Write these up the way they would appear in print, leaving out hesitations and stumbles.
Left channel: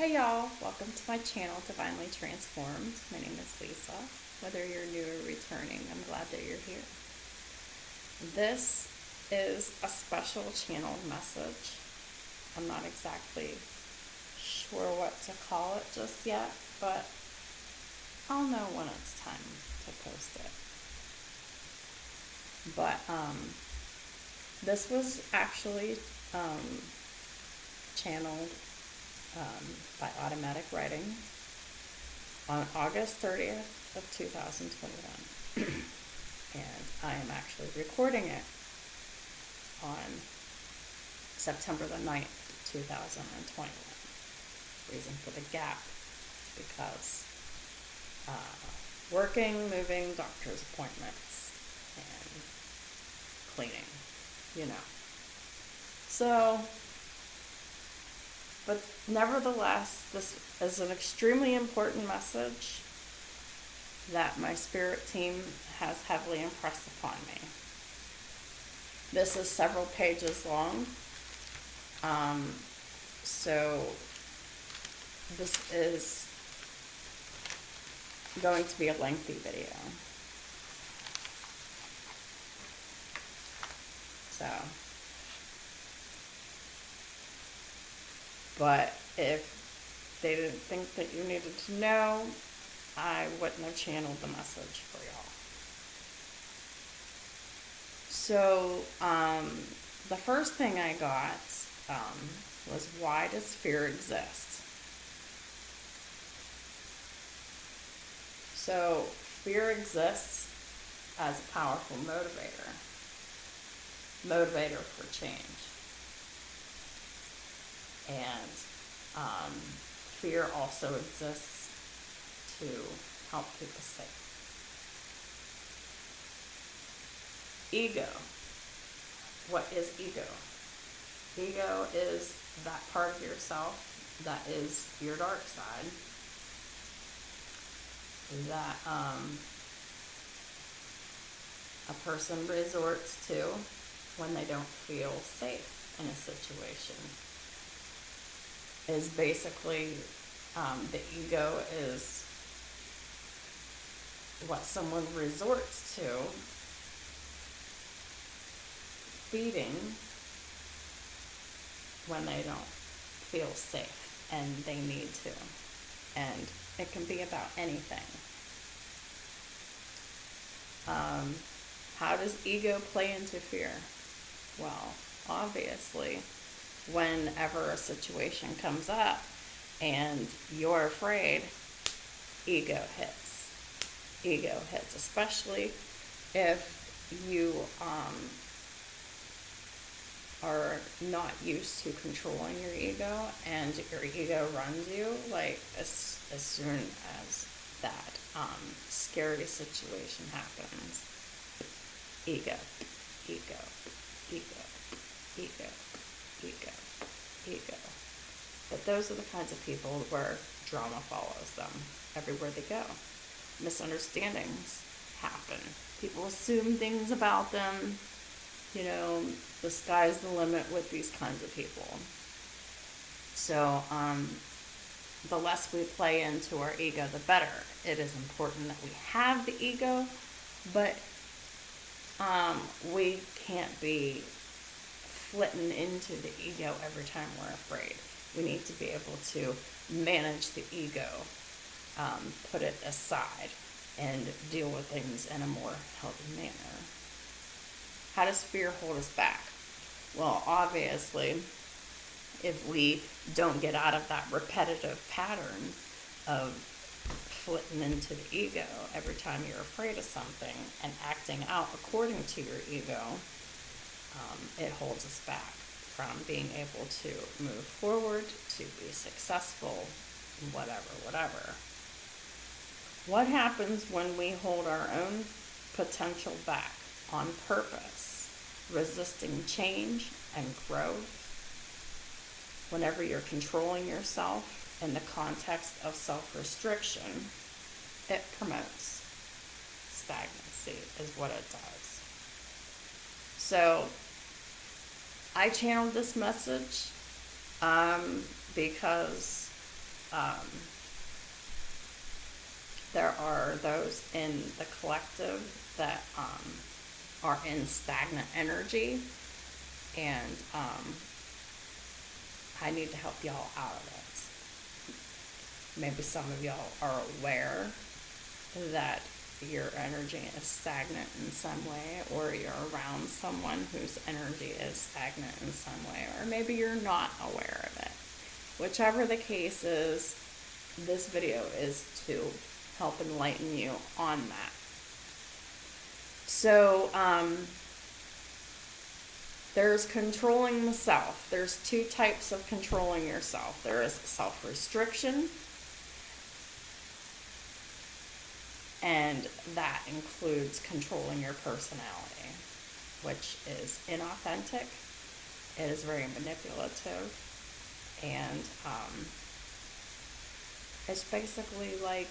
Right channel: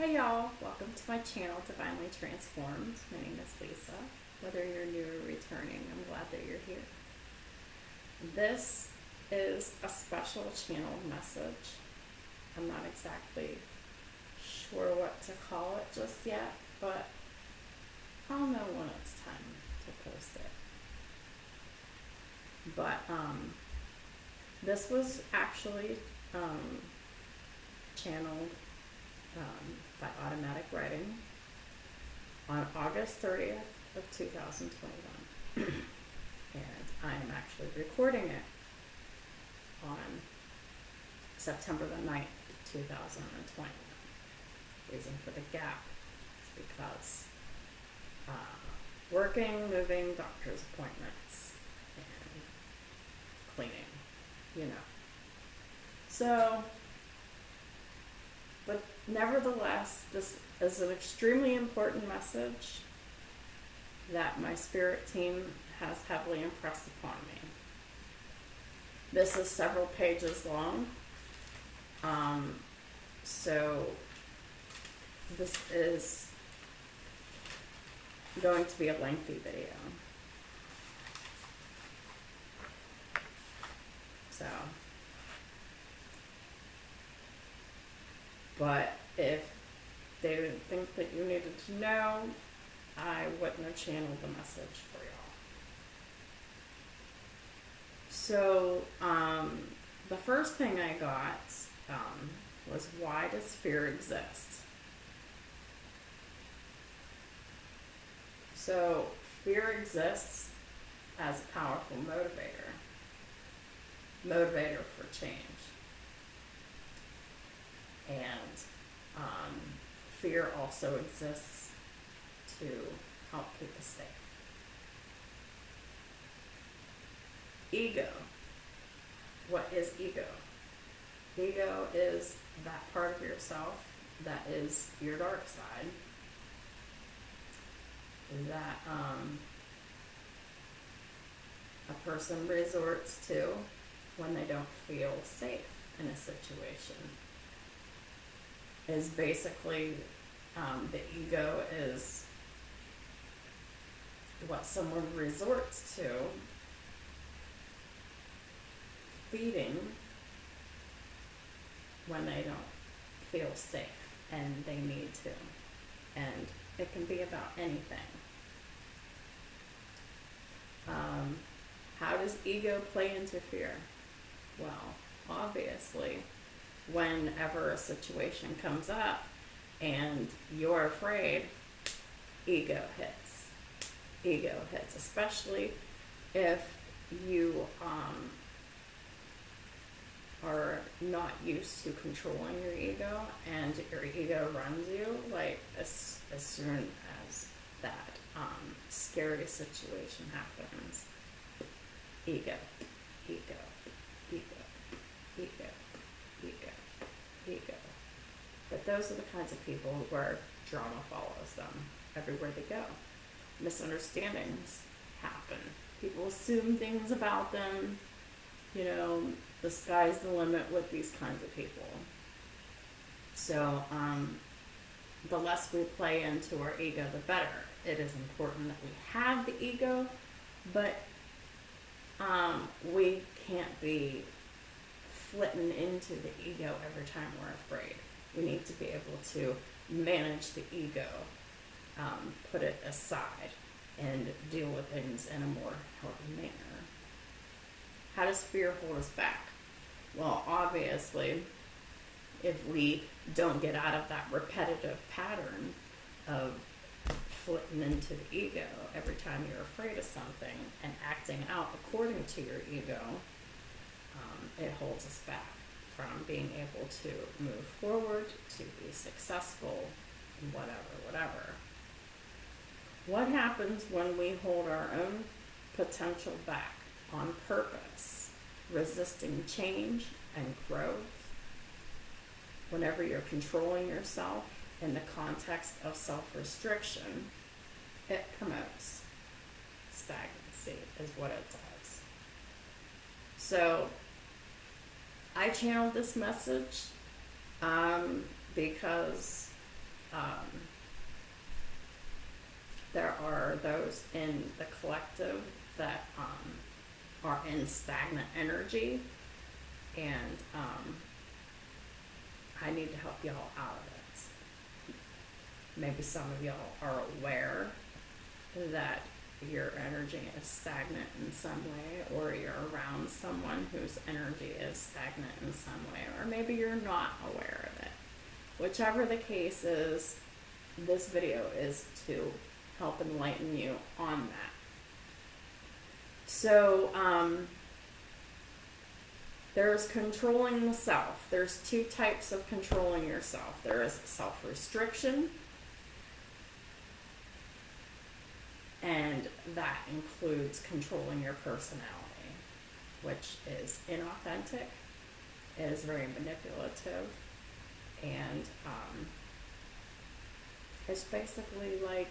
Hey y'all, welcome to my channel, Divinely Transformed. My name is Lisa. Whether you're new or returning, I'm glad that you're here. This is a special channel message. I'm not exactly sure what to call it just yet, but I'll know when it's time to post it. But this was actually channeled by automatic writing on August 30th of 2021. And I am actually recording it on September the 9th, 2021. Reason for the gap is because working, moving, doctor's appointments, and cleaning, you know. So, but nevertheless, this is an extremely important message that my spirit team has heavily impressed upon me. This is several pages long, so this is going to be a lengthy video. So, but if they didn't think that you needed to know, I wouldn't have channeled the message for y'all. So, the first thing I got was, why does fear exist? So, fear exists as a powerful motivator for change. And fear also exists to help keep us safe. Ego. What is ego? Ego is that part of yourself that is your dark side, that a person resorts to when they don't feel safe in a situation. Is basically the ego is what someone resorts to feeding when they don't feel safe and they need to. And it can be about anything. How does ego play into fear? Well, obviously, whenever a situation comes up and you're afraid, ego hits. Ego hits, especially if you are not used to controlling your ego and your ego runs you. Like as soon as that scary situation happens, ego, ego, ego, ego, ego, ego. But those are the kinds of people where drama follows them everywhere they go. Misunderstandings happen. People assume things about them. You know, the sky's the limit with these kinds of people. So, the less we play into our ego, the better. It is important that we have the ego, but we can't be flitting into the ego every time we're afraid. We need to be able to manage the ego, put it aside, and deal with things in a more healthy manner. How does fear hold us back? Well, obviously, if we don't get out of that repetitive pattern of flitting into the ego every time you're afraid of something and acting out according to your ego, it holds us back from being able to move forward, to be successful, whatever. What happens when we hold our own potential back on purpose, resisting change and growth? Whenever you're controlling yourself in the context of self-restriction, it promotes stagnancy, is what it does. So I channeled this message because there are those in the collective that are in stagnant energy, and I need to help y'all out of it. Maybe some of y'all are aware that your energy is stagnant in some way, or you're around someone whose energy is stagnant in some way, or maybe you're not aware of it. Whichever the case is, this video is to help enlighten you on that. So, there's controlling the self. There's two types of controlling yourself. There is self-restriction, and that includes controlling your personality, which is inauthentic, it is very manipulative, and it's basically like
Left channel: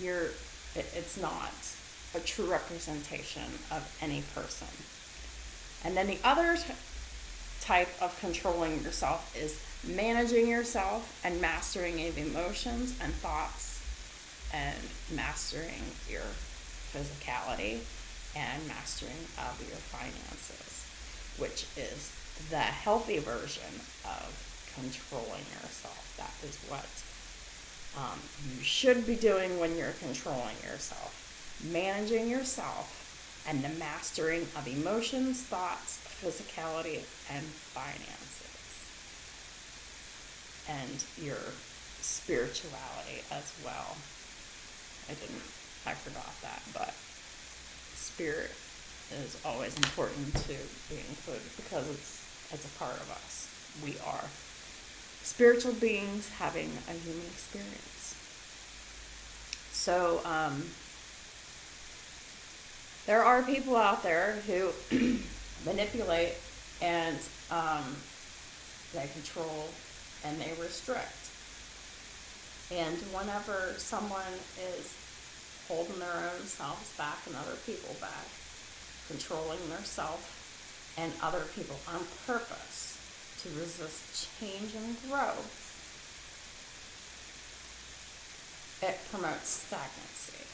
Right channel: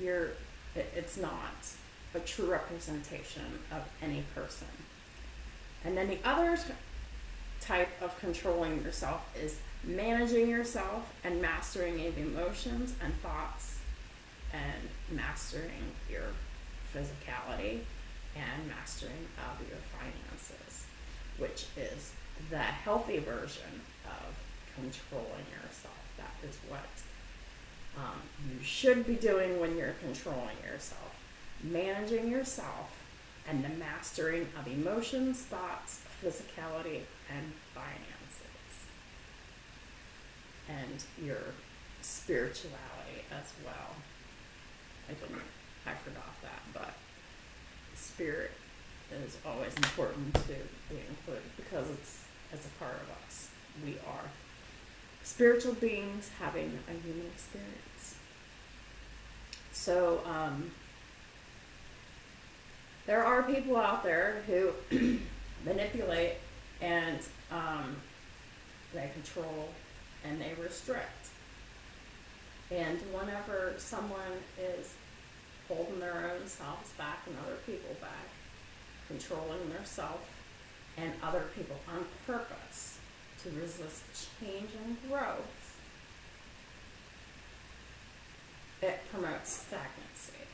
it's not a true representation of any person. And then the other type of controlling yourself is managing yourself and mastering of emotions and thoughts, and mastering your physicality and mastering of your finances, which is the healthy version of controlling yourself. That is what you should be doing when you're controlling yourself. Managing yourself and the mastering of emotions, thoughts, physicality, and finances. And your spirituality as well. I forgot that, but spirit is always important to be included because it's a part of us. We are spiritual beings having a human experience. So, there are people out there who manipulate and they control and they restrict. And whenever someone is holding their own selves back and other people back, controlling their self and other people on purpose to resist change and growth, it promotes stagnancy.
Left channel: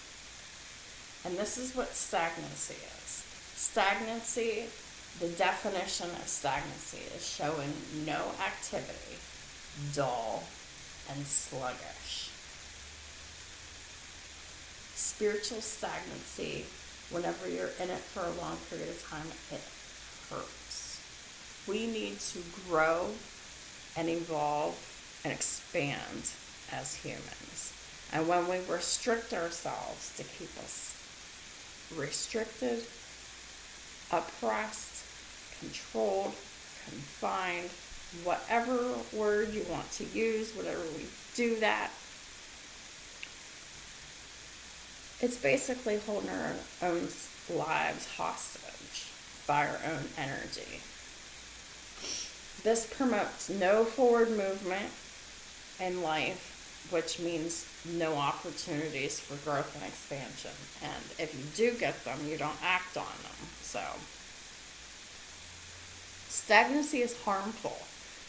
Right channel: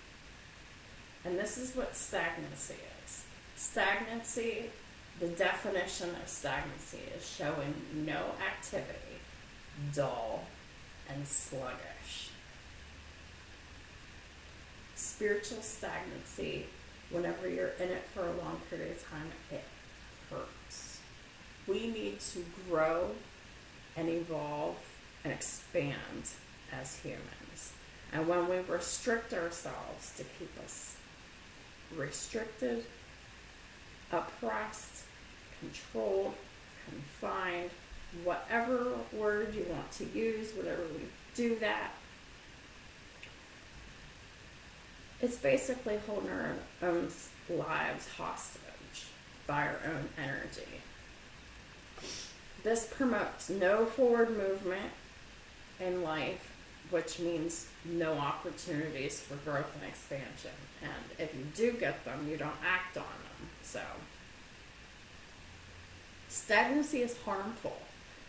And this is what stagnancy is. Stagnancy, the definition of stagnancy is showing no activity, dull, and sluggish. Spiritual stagnancy, whenever you're in it for a long period of time, it hurts. We need to grow and evolve and expand as humans. And when we restrict ourselves to keep us restricted, oppressed, controlled, confined, whatever word you want to use, whenever we do that, it's basically holding our own lives hostage by our own energy. This promotes no forward movement in life, which means no opportunities for growth and expansion. And if you do get them, you don't act on them. So, stagnancy is harmful.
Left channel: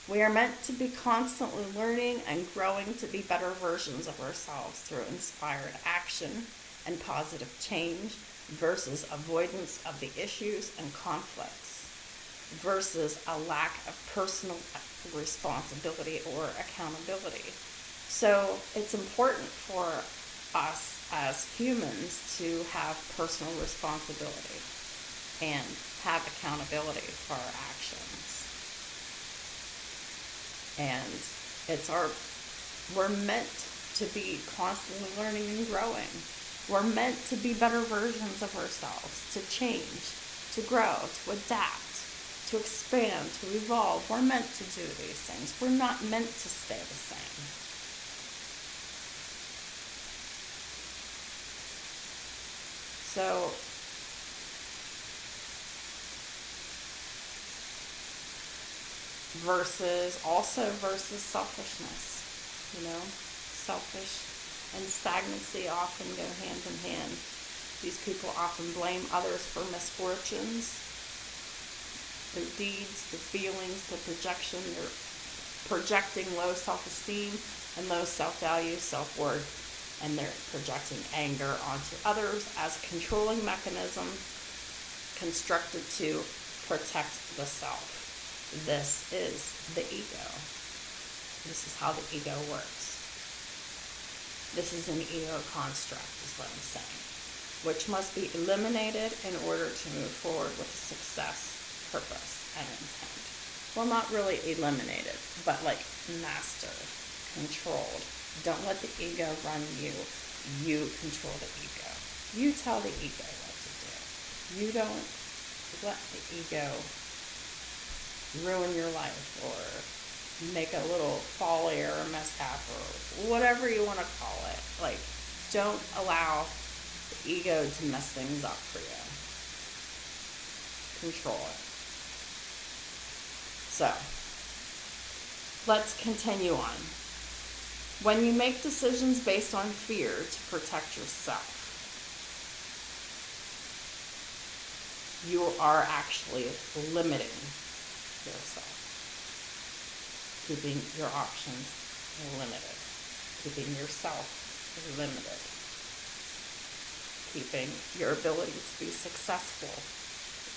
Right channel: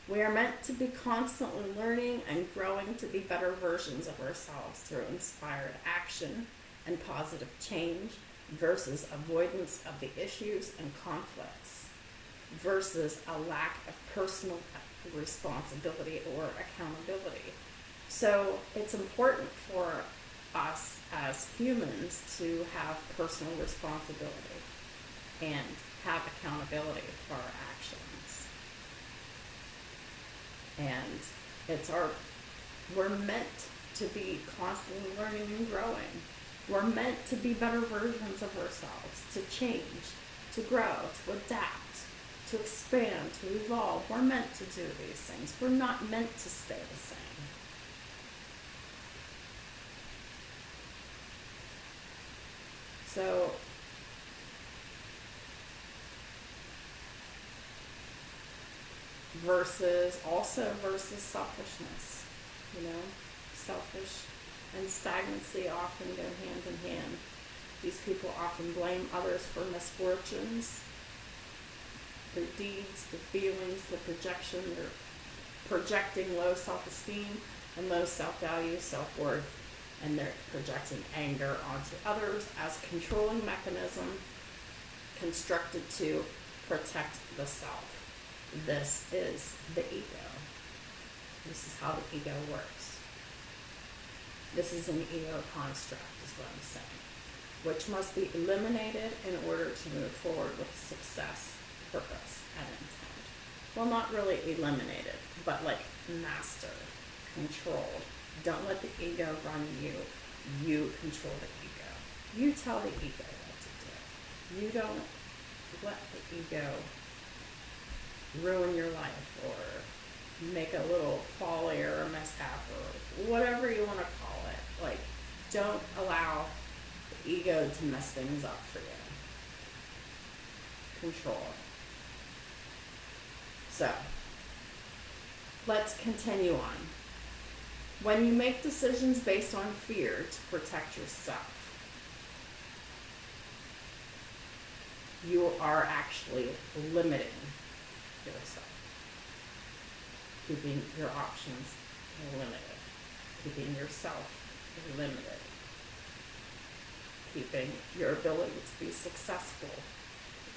We are meant to be constantly learning and growing to be better versions of ourselves through inspired action and positive change versus avoidance of the issues and conflicts versus a lack of personal responsibility or accountability. So it's important for us as humans to have personal responsibility and have accountability for our actions. And we're meant to be constantly learning and growing. We're meant to be better versions of ourselves, to change, to grow, to adapt, to expand, to evolve. We're meant to do these things. We're not meant to stay the same. So, versus selfishness, selfish and stagnancy often go hand in hand. These people often blame others for misfortunes, their deeds, their feelings, their projection, their projecting low self-esteem and low self-value, self-worth, and they're projecting anger onto others as controlling mechanism constructed to protect the self. This is the ego. This is how the ego works. This is an ego construct, is what I'm saying, which must be eliminated in order to move forward with success, purpose, and intent. Well, not really eliminated, but like mastered, controlled. Don't let the ego run you. You control the ego. You tell the ego what to do. You don't let the ego ruin your life or make a little folly or a mishap or whatever you want to call it. Like, don't allow the ego to mess things up for you. Control it. So, let's continue on. When you make decisions based on fear to protect yourself, you are actually limiting yourself, keeping your options limited, keeping yourself limited, keeping your ability to be successful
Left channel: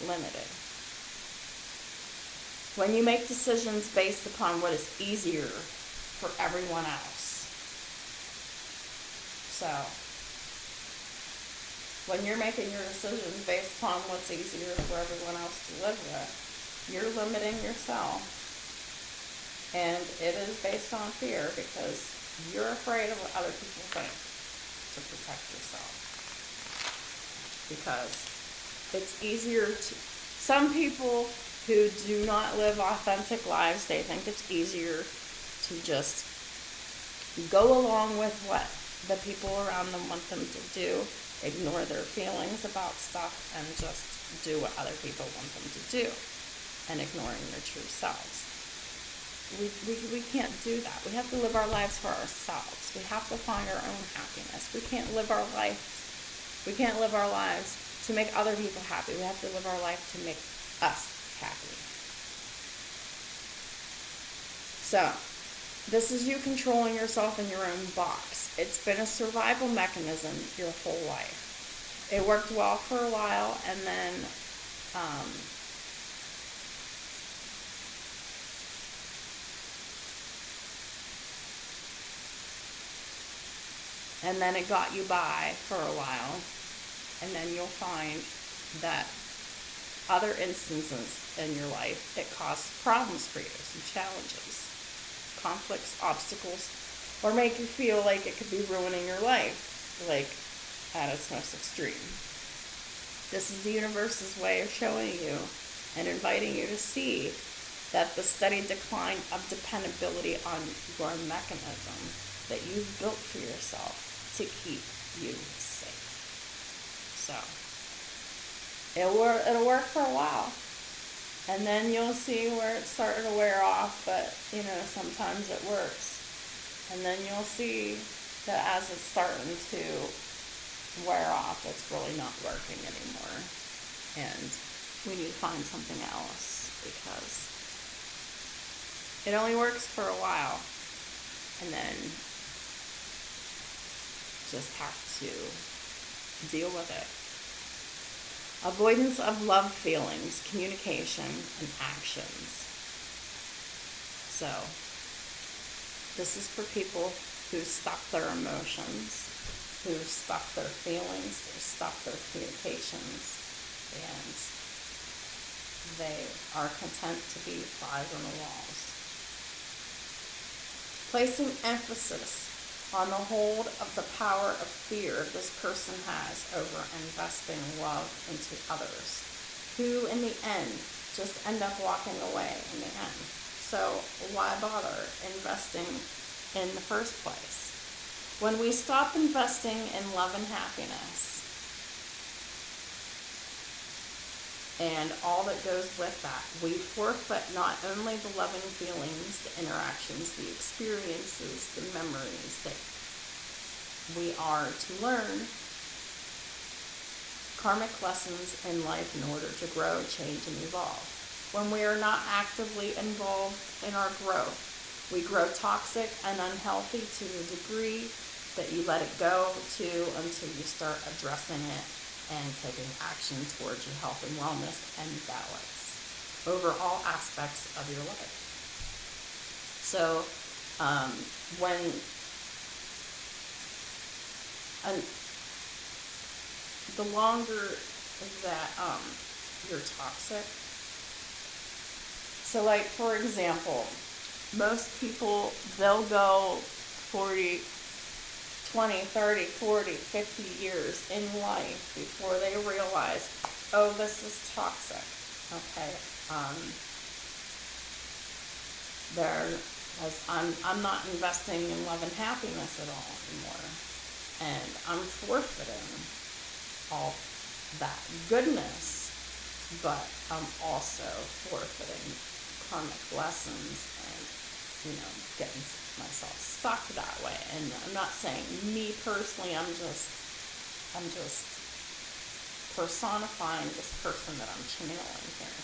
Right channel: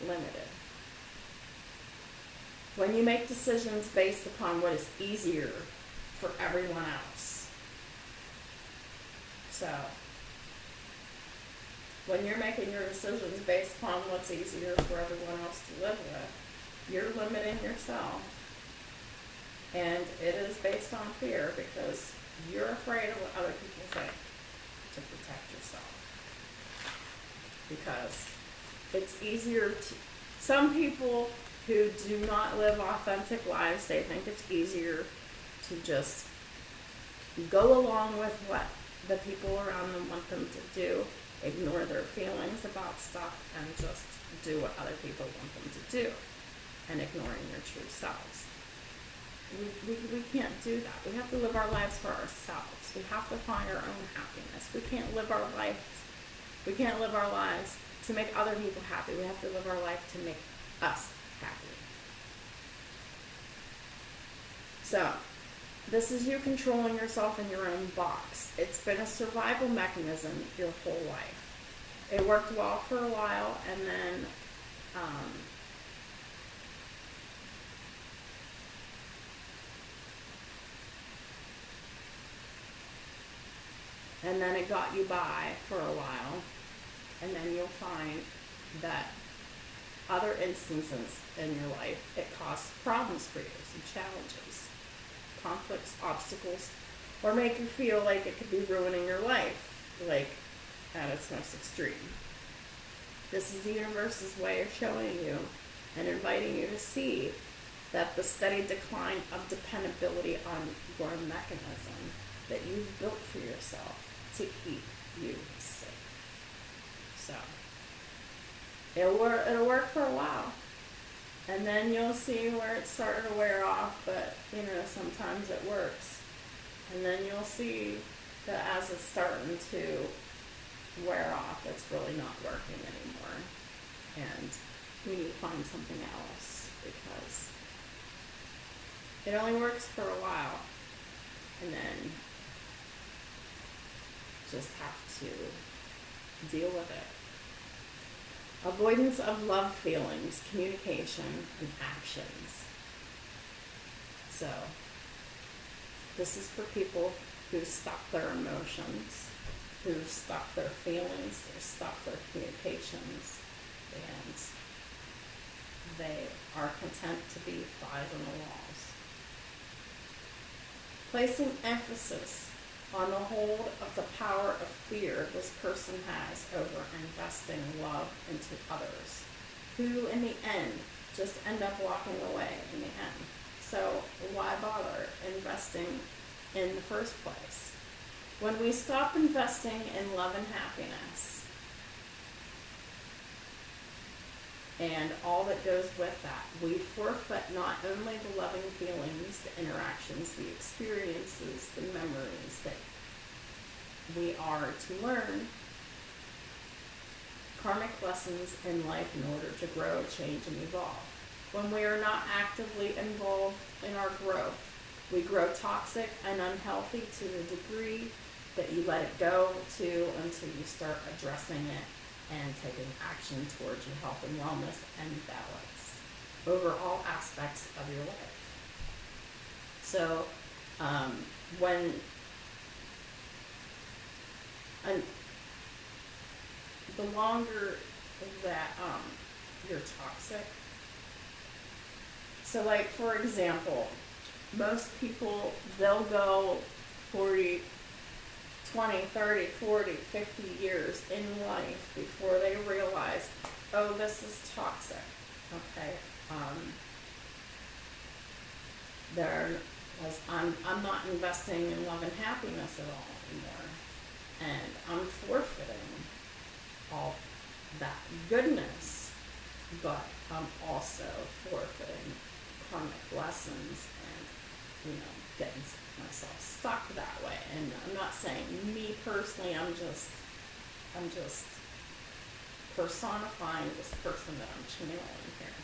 limited. When you make decisions based upon what is easier for everyone else. So, when you're making your decisions based upon what's easier for everyone else to live with, you're limiting yourself. And it is based on fear because you're afraid of what other people think to protect yourself. Because it's easier to, some people who do not live authentic lives, they think it's easier to just go along with what the people around them want them to do, ignore their feelings about stuff, and just do what other people want them to do, and ignoring their true selves. We can't do that. We have to live our lives for ourselves. We have to find our own happiness. We can't live our lives to make other people happy. We have to live our life to make us happy. So, this is you controlling yourself in your own box. It's been a survival mechanism your whole life. It worked well for a while, and then it got you by for a while, and then you'll find that other instances in your life, it caused problems for you, some challenges, conflicts, obstacles, or make you feel like it could be ruining your life, like at its most extreme. This is the universe's way of showing you and inviting you to see that the steady decline of dependability on your mechanism that you've built for yourself to keep you safe. So, it'll work for a while. And then you'll see where it's starting to wear off, but, sometimes it works. And then you'll see that as it's starting to wear off, it's really not working anymore. And we need to find something else because it only works for a while. And then just have to deal with it. Avoidance of love feelings, communication, and actions. So, this is for people who stuff their emotions, who stuff their feelings, who stuff their communications, and they are content to be flies on the walls. Placing emphasis on the hold of the power of fear this person has over investing love into others, who in the end just end up walking away in the end. So why bother investing in the first place? When we stop investing in love and happiness and all that goes with that, we forfeit not only the loving feelings, the interactions, the experiences, the memories that we are to learn karmic lessons in life in order to grow, change, and evolve. When we are not actively involved in our growth, We grow toxic and unhealthy to the degree that you let it go to until you start addressing it and taking action towards your health and wellness and balance over all aspects of your life. So when the longer that you're toxic, so like for example, most people, they'll go 40, 20, 30, 40, 50 years in life before they realize, oh, this is toxic. Okay. I'm not investing in love and happiness at all anymore. And I'm forfeiting all that goodness, but I'm also forfeiting karmic lessons and, getting myself stuck that way. And I'm not saying me personally, I'm just personifying this person that I'm channeling here.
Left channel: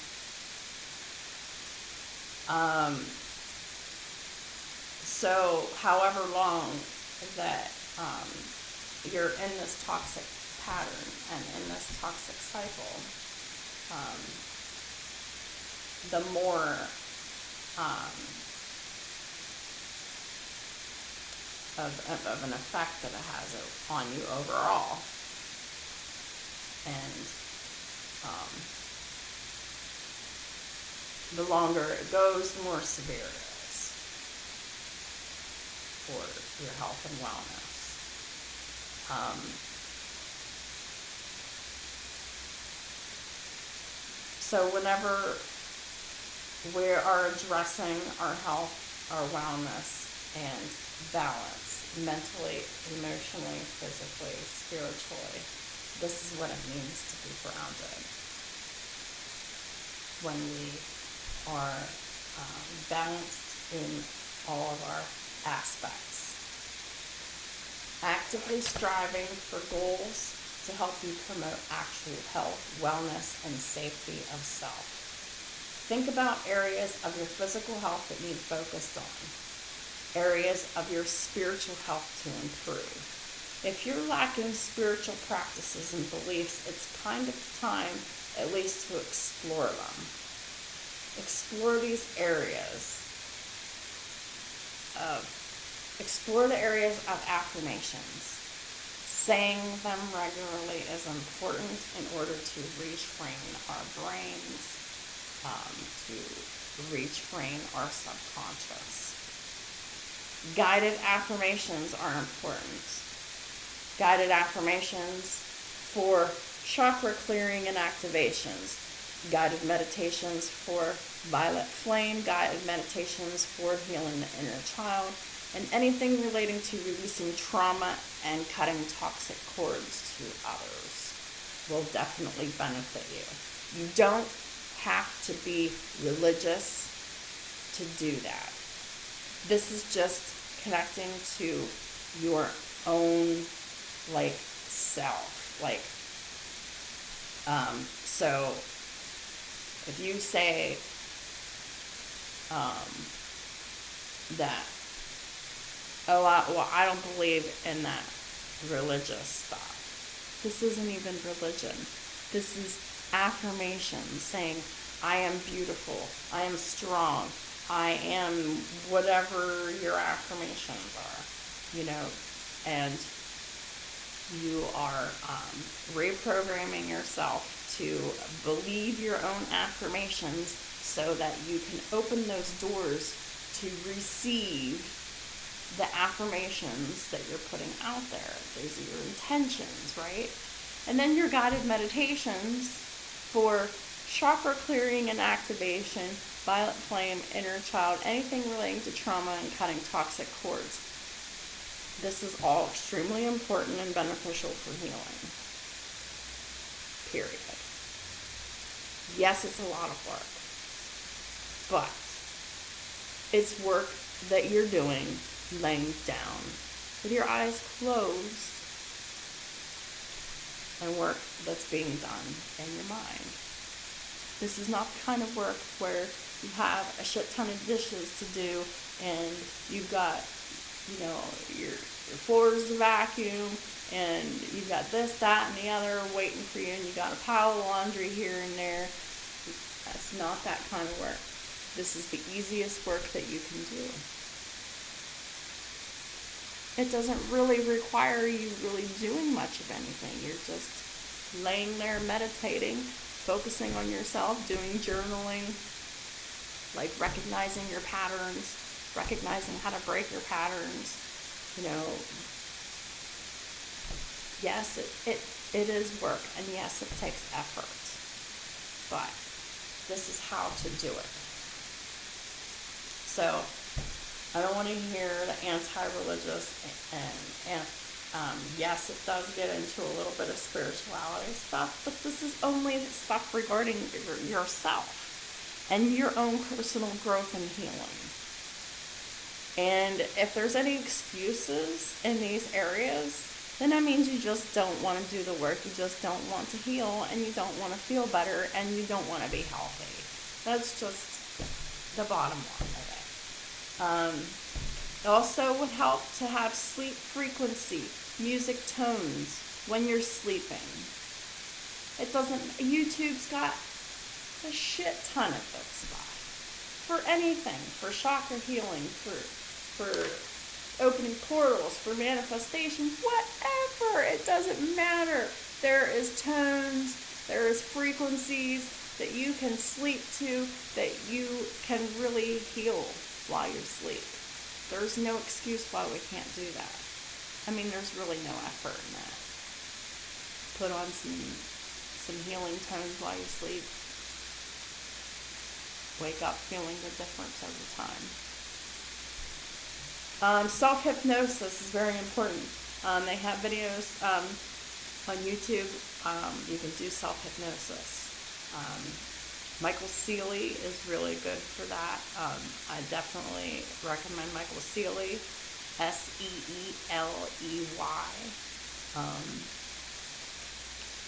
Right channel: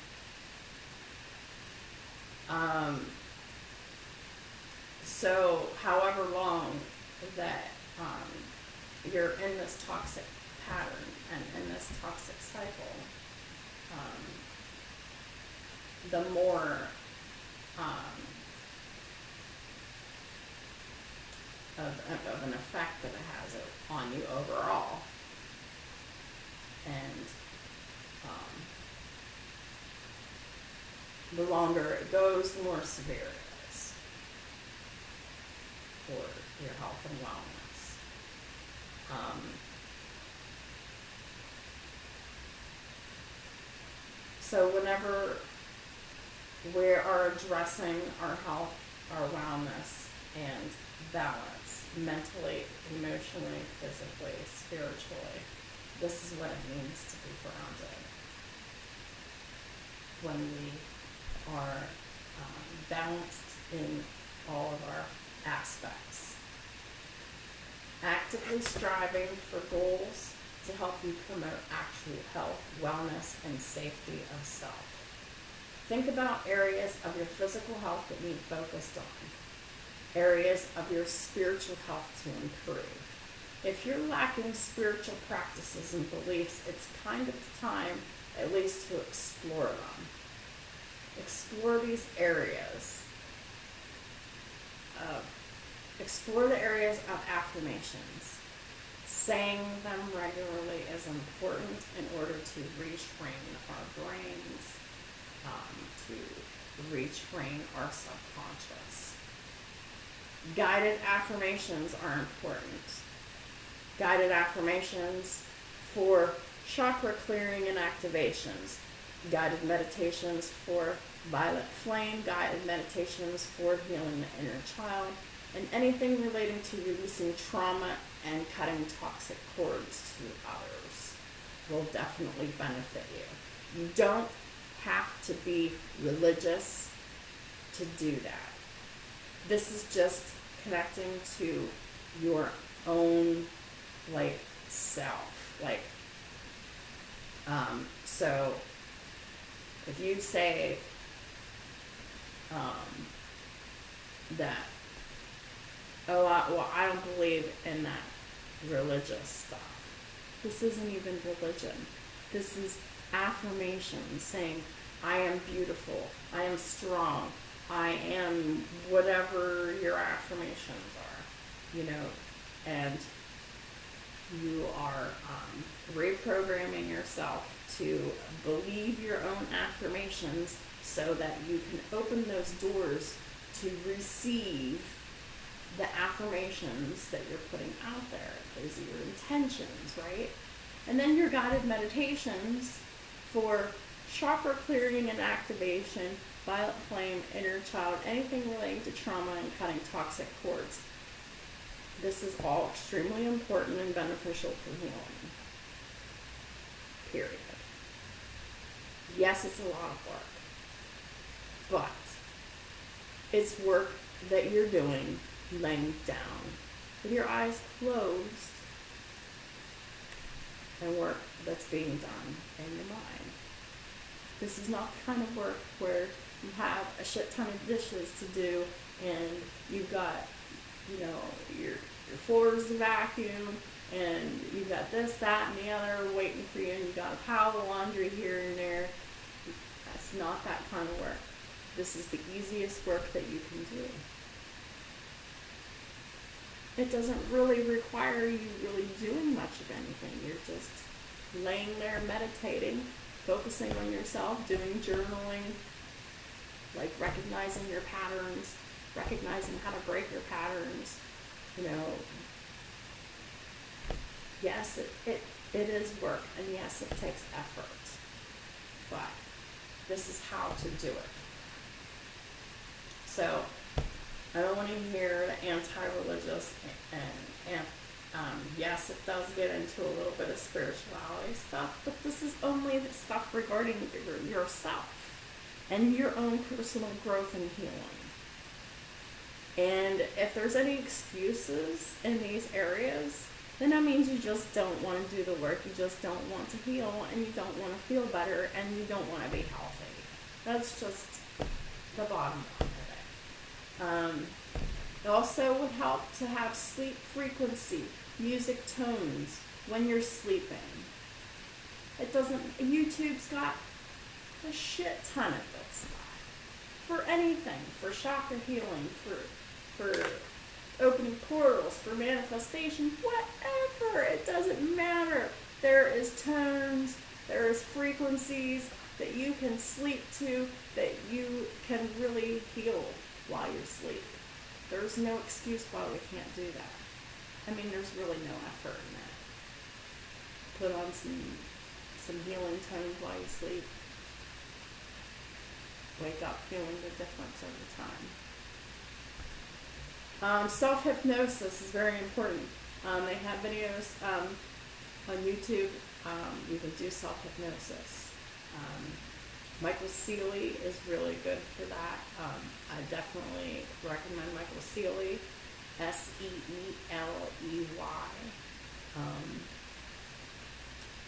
So however long that you're in this toxic pattern and in this toxic cycle, the more of an effect that it has on you overall. And the longer it goes, the more severe it is for your health and wellness. So whenever we are addressing our health, our wellness, and balance, mentally, emotionally, physically, spiritually, this is what it means to be grounded. When we are balanced in all of our aspects. Actively striving for goals to help you promote actual health, wellness, and safety of self. Think about areas of your physical health that need focused on. Areas of your spiritual health to improve. If you're lacking spiritual practices and beliefs, it's kind of time at least to explore them. Explore these areas. Explore the areas of affirmations. Saying them regularly is important in order to retrain our brains, to retrain our subconscious. Guided affirmations are important. Guided affirmations for chakra clearing and activations. Guided meditations for violet flame. Guided meditations for healing the inner child. And anything relating to releasing trauma and cutting toxic cords to others will definitely benefit you. You don't have to be religious to do that. This is just connecting to your own self. So if you say that, I don't believe in that religious stuff. This isn't even religion. This is affirmation, saying, I am beautiful, I am strong, I am whatever your affirmations are, and you are reprogramming yourself to believe your own affirmations so that you can open those doors to receive the affirmations that you're putting out there. Those are your intentions, right? And then your guided meditations for chakra clearing and activation, violet flame, inner child, anything relating to trauma and cutting toxic cords. This is all extremely important and beneficial for healing. Period. Yes, it's a lot of work, but it's work that you're doing laying down with your eyes closed, and work that's being done in your mind. This is not the kind of work where you have a shit ton of dishes to do, and you've got, your floors to vacuum, and you've got this, that, and the other waiting for you, and you've got a pile of laundry here and there. That's not that kind of work. This is the easiest work that you can do. It doesn't really require you really doing much of anything. You're just laying there meditating, focusing on yourself, doing journaling, like recognizing your patterns, recognizing how to break your patterns. Yes, it is work, and yes, it takes effort, but this is how to do it. So I don't want to hear the anti-religious, and yes, it does get into a little bit of spirituality stuff, but this is only the stuff regarding yourself and your own personal growth and healing. And if there's any excuses in these areas, then that means you just don't want to do the work, you just don't want to heal, and you don't want to feel better, and you don't want to be healthy. That's just the bottom line of it. It also would help to have sleep frequency, music tones when you're sleeping. YouTube's got a shit ton of good stuff. For anything, for chakra healing, for opening portals, for manifestation, whatever, it doesn't matter. There is tones, there is frequencies that you can sleep to, that you can really heal while you sleep. There's no excuse why we can't do that. There's really no effort in that. Put on some healing tones while you sleep. Wake up feeling the difference over time. Self-hypnosis is very important. They have videos on YouTube. You can do self-hypnosis. Michael Seeley is really good for that. I definitely recommend Michael Seeley, Seeley.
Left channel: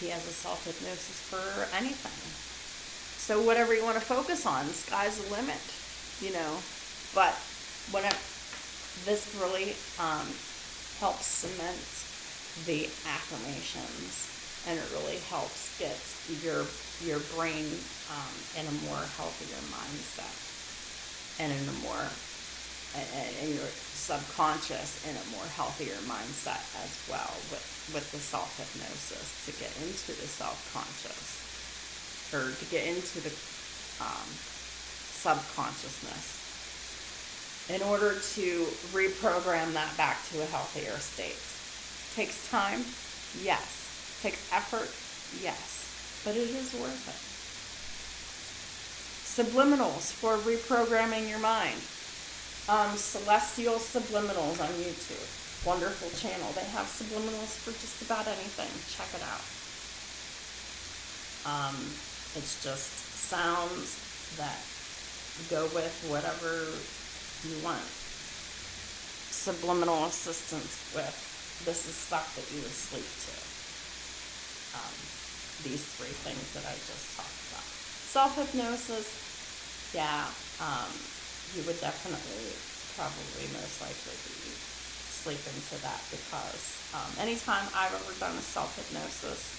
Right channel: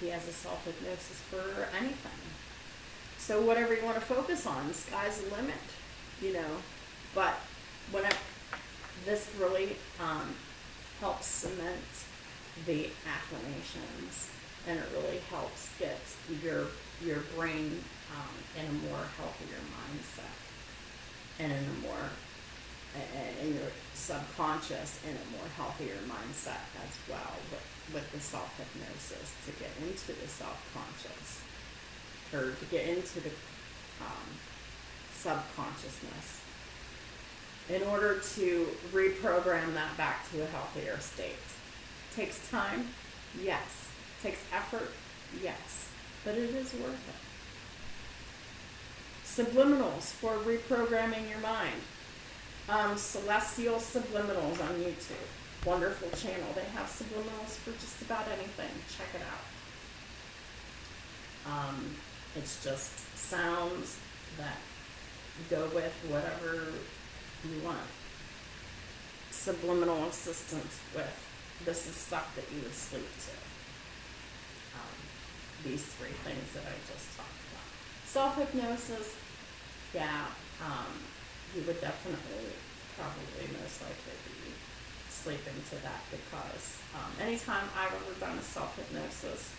He has a self-hypnosis for anything. So whatever you want to focus on, the sky's the limit, But this really helps cement the affirmations, and it really helps get your brain in a more healthier mindset, and in your subconscious in a more healthier mindset as well with the self-hypnosis, to get into the self-conscious, or to get into the subconsciousness, in order to reprogram that back to a healthier state. Takes time, yes. Takes effort, yes. But it is worth it. Subliminals for reprogramming your mind. Celestial Subliminals on YouTube. Wonderful channel. They have subliminals for just about anything. Check it out. It's just sounds that go with whatever you want. Subliminal assistance with, this is stuff that you would sleep to. These three things that I just talked about. Self-hypnosis, yeah, you would definitely, probably most likely be sleeping to that, because anytime I've ever done a self-hypnosis,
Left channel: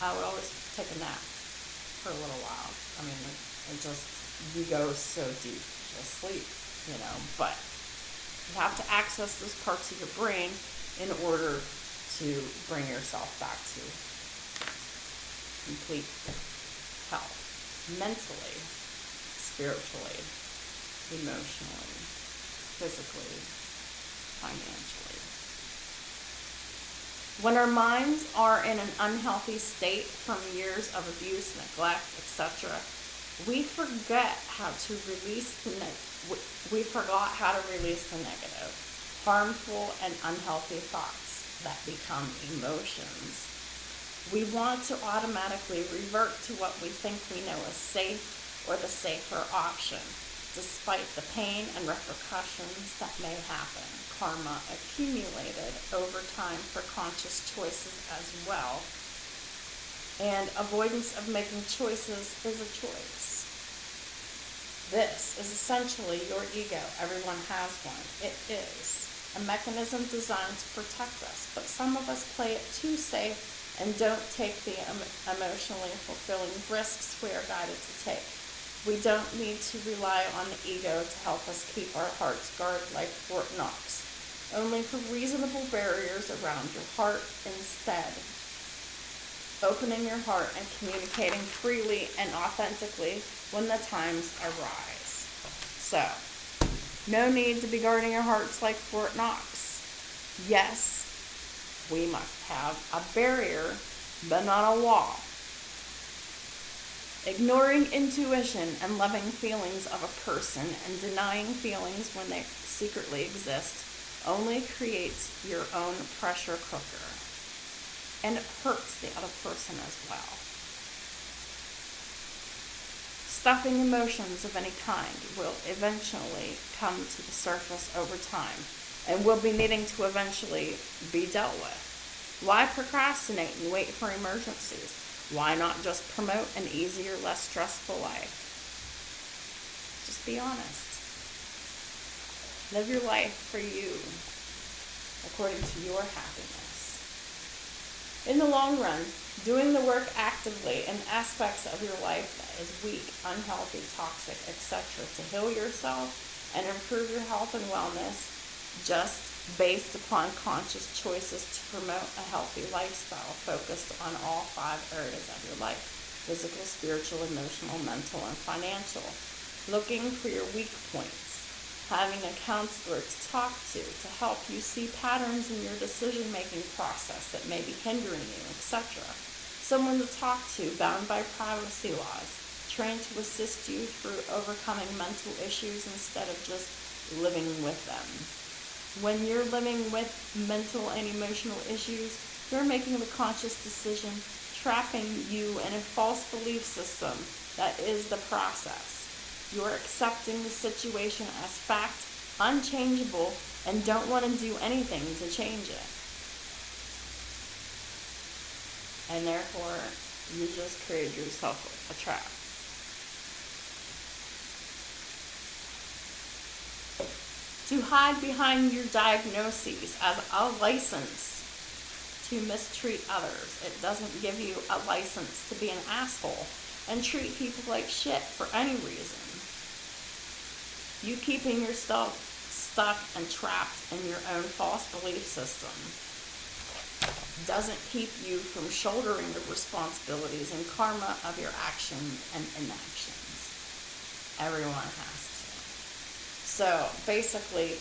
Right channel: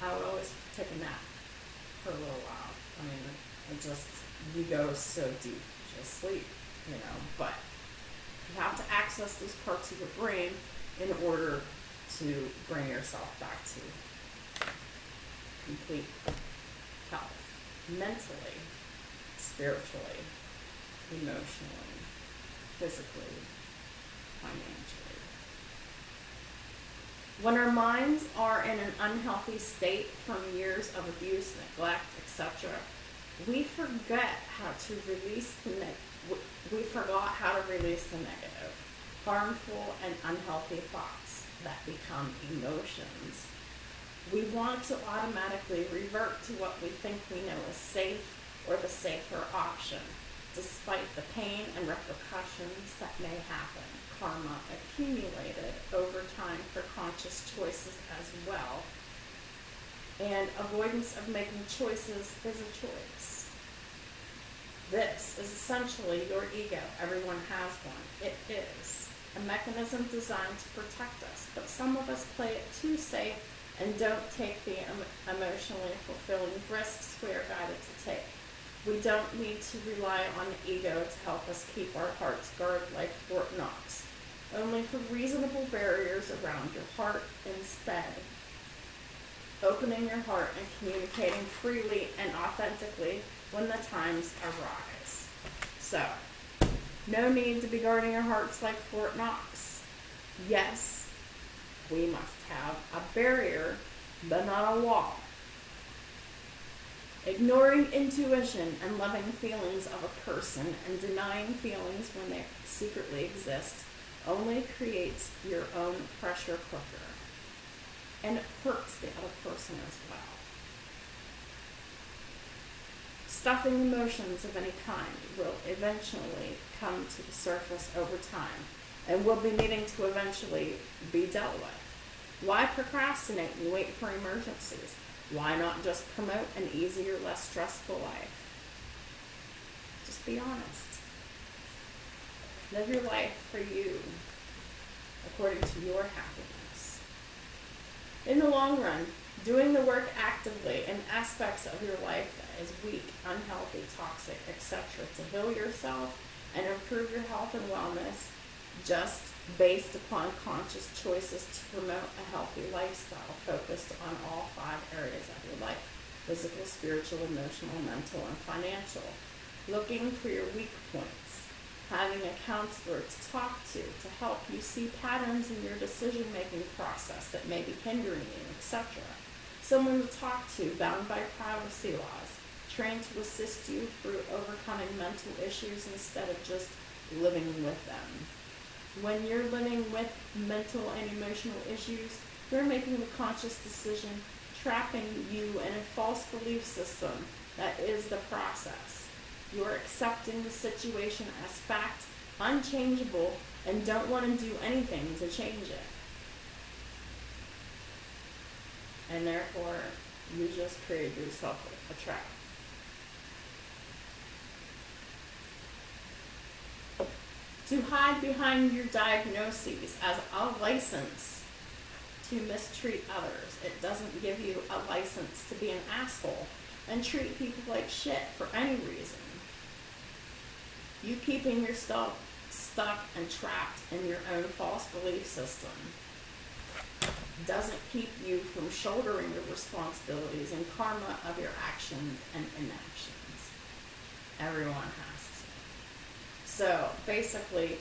I would always take a nap for a little while. You go so deep, you'll sleep, but you have to access those parts of your brain in order to bring yourself back to complete health, mentally, spiritually, emotionally, physically, financially. When our minds are in an unhealthy state from years of abuse, neglect, etc., we forgot how to release the negative, harmful, and unhealthy thoughts that become emotions. We want to automatically revert to what we think we know is safe, or the safer option, despite the pain and repercussions that may happen. Karma accumulated over time for conscious choices as well. And avoidance of making choices is a choice. This is essentially your ego. Everyone has one. It is a mechanism designed to protect us, but some of us play it too safe and don't take the emotionally fulfilling risks we are guided to take. We don't need to rely on the ego to help us keep our hearts guarded like Fort Knox, only for reasonable barriers around your heart instead. Opening your heart and communicating freely and authentically when the times arise. So, no need to be guarding your hearts like Fort Knox. Yes, we must have a barrier, but not a wall. Ignoring intuition and loving feelings of a person and denying feelings when they secretly exist only creates your own pressure cooker. And it hurts the other person as well. Stuffing emotions of any kind will eventually come to the surface over time and will be needing to eventually be dealt with. Why procrastinate and wait for emergencies? Why not just promote an easier, less stressful life? Just be honest. Live your life for you, according to your happiness. In the long run, doing the work actively in aspects of your life that is weak, unhealthy, toxic, etc. to heal yourself and improve your health and wellness just based upon conscious choices to promote a healthy lifestyle focused on all 5 areas of your life: physical, spiritual, emotional, mental, and financial. Looking for your weak points. Having a counselor to talk to help you see patterns in your decision-making process that may be hindering you, etc. Someone to talk to bound by privacy laws, trained to assist you through overcoming mental issues instead of just living with them. When you're living with mental and emotional issues, you're making the conscious decision, trapping you in a false belief system that is the process. You're accepting the situation as fact, unchangeable, and don't want to do anything to change it. And therefore, you just created yourself a trap. To hide behind your diagnoses as a license to mistreat others. It doesn't give you a license to be an asshole and treat people like shit for any reason. You keeping yourself stuck and trapped in your own false belief system doesn't keep you from shouldering the responsibilities and karma of your actions and inactions. Everyone has to. So basically,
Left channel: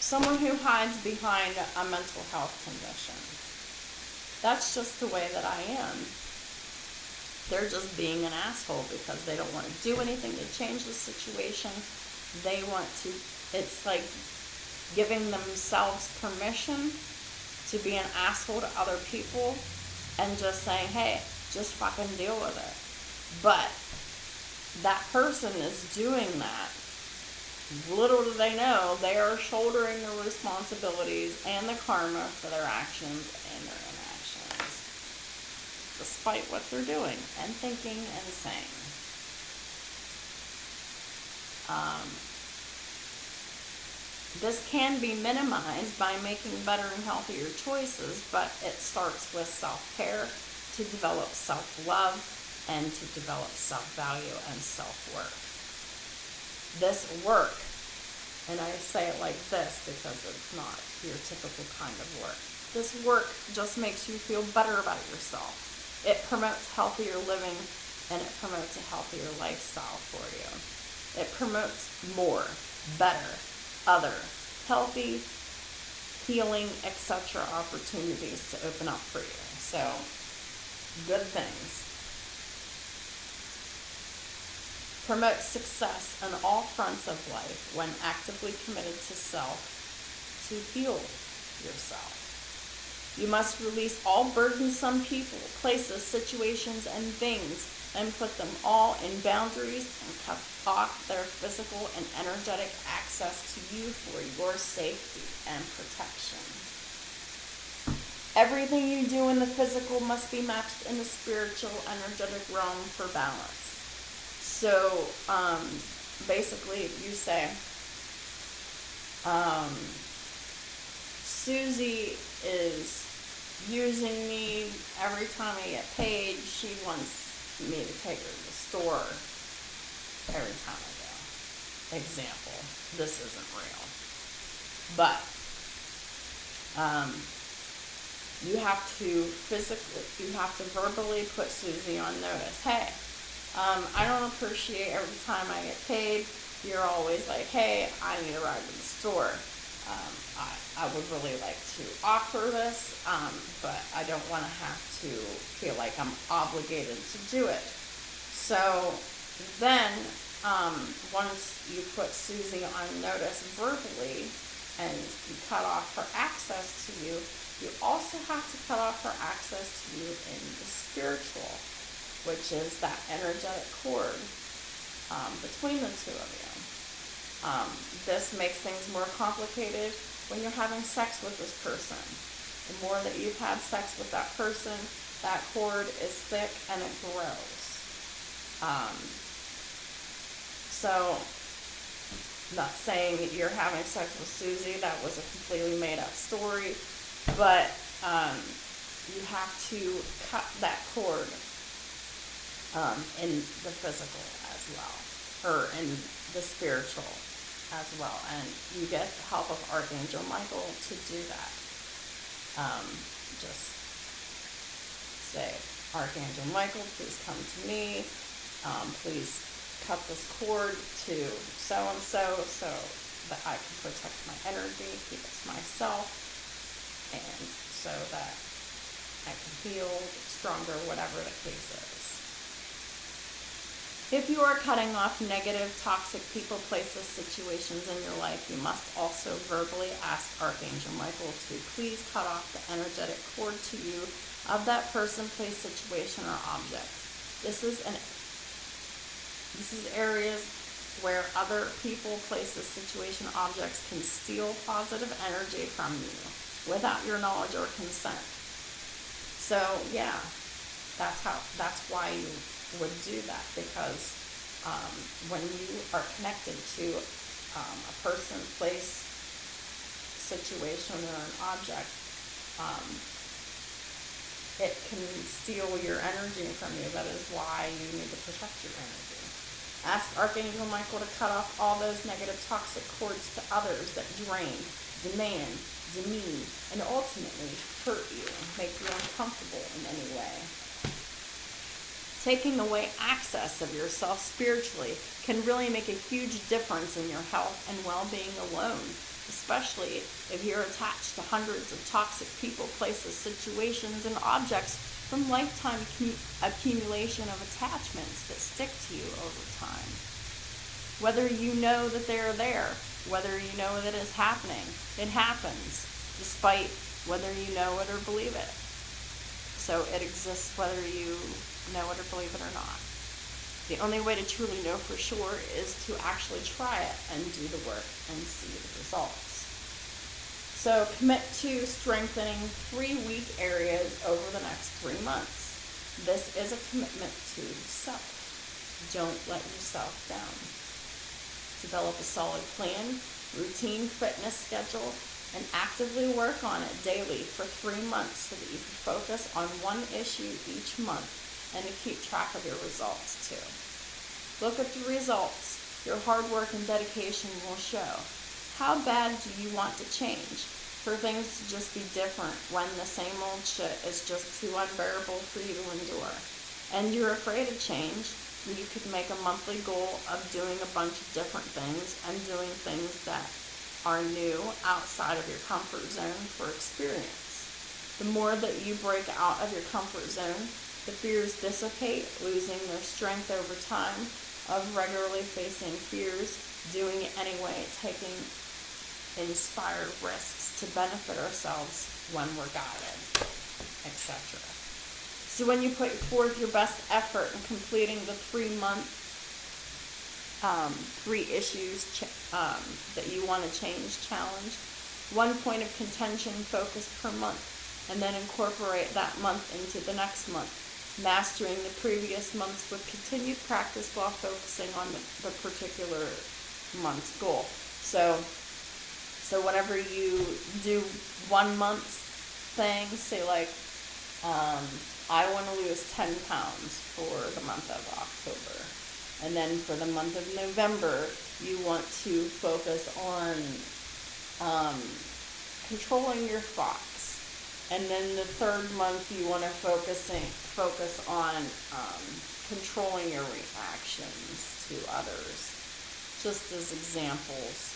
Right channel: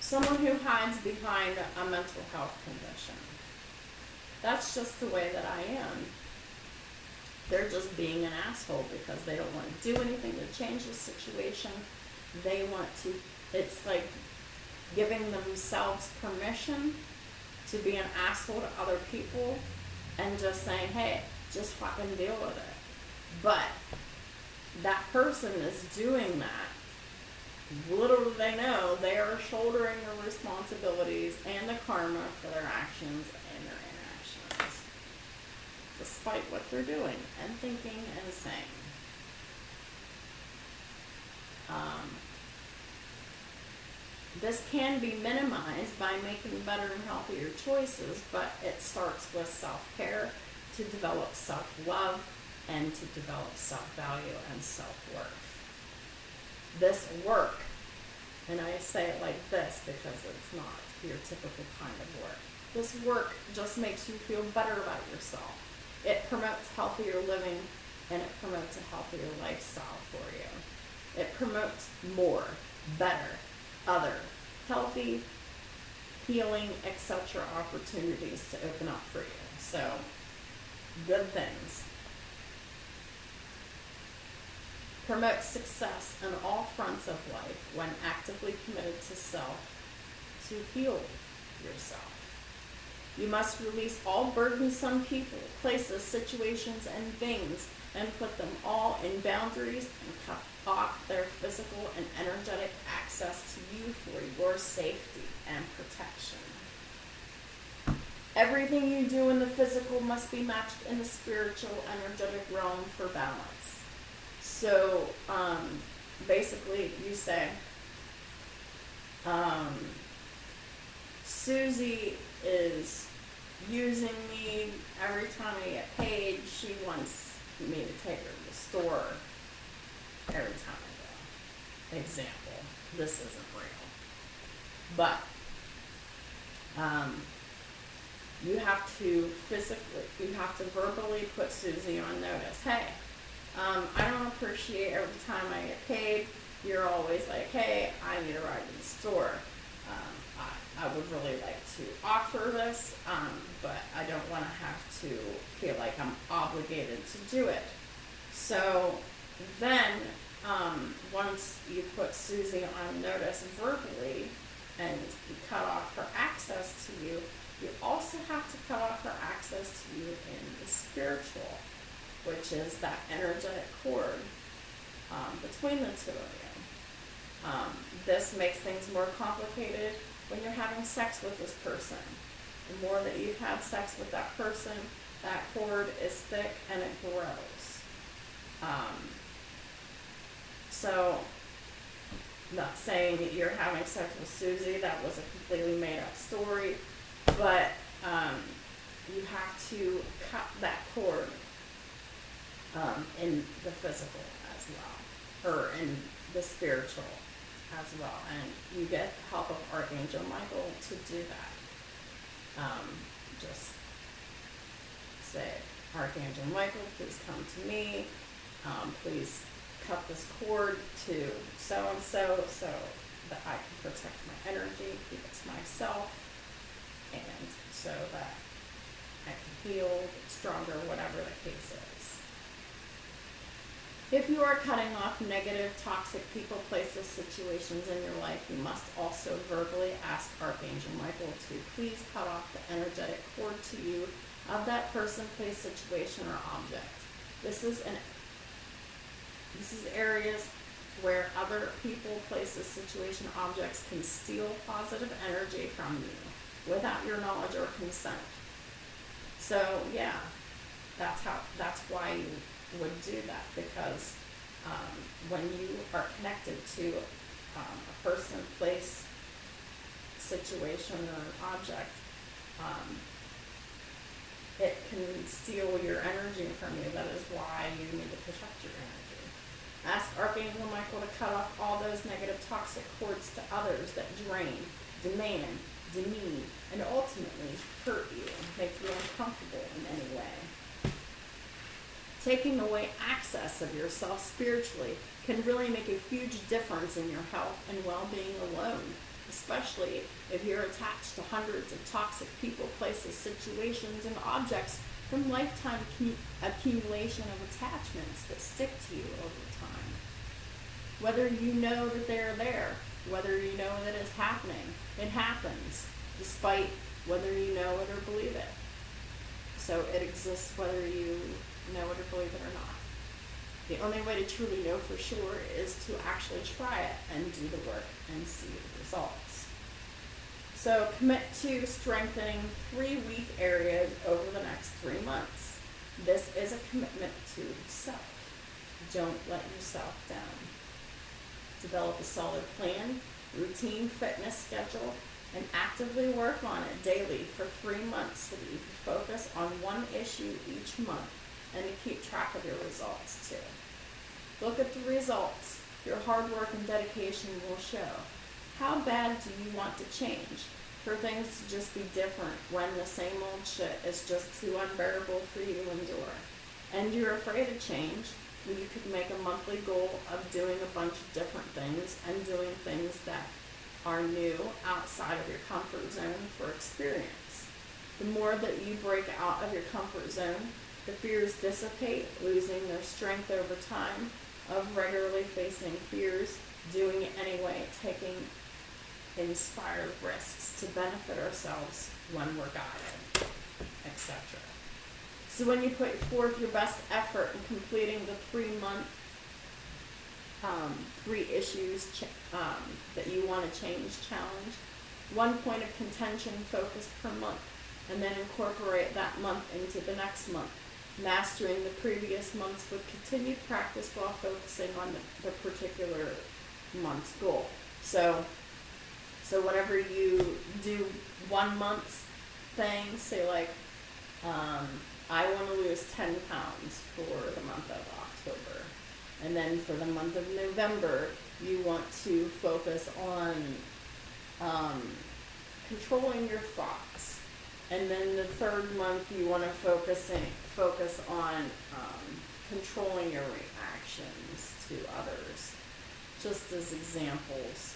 someone who hides behind a mental health condition, that's just the way that I am. They're just being an asshole because they don't want to do anything to change the situation. They want to, it's like giving themselves permission to be an asshole to other people and just saying, hey, just fucking deal with it. But that person is doing that. Little do they know, they are shouldering the responsibilities and the karma for their actions and their inactions, despite what they're doing and thinking and saying. This can be minimized by making better and healthier choices, but it starts with self-care, to develop self-love, and to develop self-value and self-worth. This work, and I say it like this because it's not your typical kind of work. This work just makes you feel better about yourself. It promotes healthier living, and it promotes a healthier lifestyle for you. It promotes more, better, other, healthy, healing, etc. opportunities to open up for you. So, good things. Promote success on all fronts of life when actively committed to self, to heal yourself. You must release all burdensome people, places, situations, and things, and put them all in boundaries and cut off their physical and energetic access to you for your safety and protection. Everything you do in the physical must be matched in the spiritual, energetic realm for balance. So, basically, you say, Susie is using me every time I get paid. She wants me to take her to the store every time I go. Example. This isn't real. But you have to verbally put Susie on notice. Hey, I don't appreciate every time I get paid, you're always like, hey, I need a ride to the store. I would really like to offer this, but I don't want to have to feel like I'm obligated to do it. So then, once you put Susie on notice verbally and you cut off her access to you, you also have to cut off her access to you in the spiritual, which is that energetic cord between the two of you. This makes things more complicated when you're having sex with this person. The more that you've had sex with that person, that cord is thick and it grows. So, not saying that you're having sex with Susie, that was a completely made up story, but you have to cut that cord in the physical as well, or in the spiritual as well, and you get the help of Archangel Michael to do that. Just say, Archangel Michael, please come to me, please cut this cord to so-and-so so that I can protect my energy, keep it to myself, and so that I can heal, get stronger, whatever the case is. If you are cutting off negative, toxic people, places, situations in your life, you must also verbally ask Archangel Michael to please cut off the energetic cord to you of that person, place, situation, or object. This is areas where other people, places, situation, objects can steal positive energy from you without your knowledge or consent. So yeah, that's why you would do that, because when you are connected to a person, place, situation, or an object, it can steal your energy from you. That is why you need to protect your energy. Ask Archangel Michael to cut off all those negative toxic cords to others that drain, demand, demean, and ultimately hurt you, make you uncomfortable in any way. Taking away access of yourself spiritually can really make a huge difference in your health and well-being alone, especially if you're attached to hundreds of toxic people, places, situations, and objects from lifetime accumulation of attachments that stick to you over time. Whether you know that they're there, whether you know that it's happening, it happens, despite whether you know it or believe it. So it exists whether you know it or believe it or not. The only way to truly know for sure is to actually try it and do the work and see the results. So commit to strengthening 3 weak areas over the next 3 months. This is a commitment to self. Don't let yourself down. Develop a solid plan, routine, fitness schedule, and actively work on it daily for 3 months so that you can focus on one issue each month and to keep track of your results too. Look at the results. Your hard work and dedication will show. How bad do you want to change? For things to just be different when the same old shit is just too unbearable for you to endure. And you're afraid of change, you could make a monthly goal of doing a bunch of different things and doing things that are new outside of your comfort zone for experience. The more that you break out of your comfort zone, the fears dissipate, losing their strength over time of regularly facing fears, doing it anyway, taking inspired risks to benefit ourselves when we're guided, etc. So when you put forth your best effort in completing the 3-month 3 issues that you want to change challenge, 1 point of contention focus per month, and then incorporate that month into the next month, mastering the previous months with continued practice while focusing on the particular month's goal. So whenever you do 1 month's thing, say like, I want to lose 10 pounds for the month of October. And then for the month of November, you want to focus on controlling your thoughts. And then the third month, you want to focus on controlling your reactions to others. Just as examples.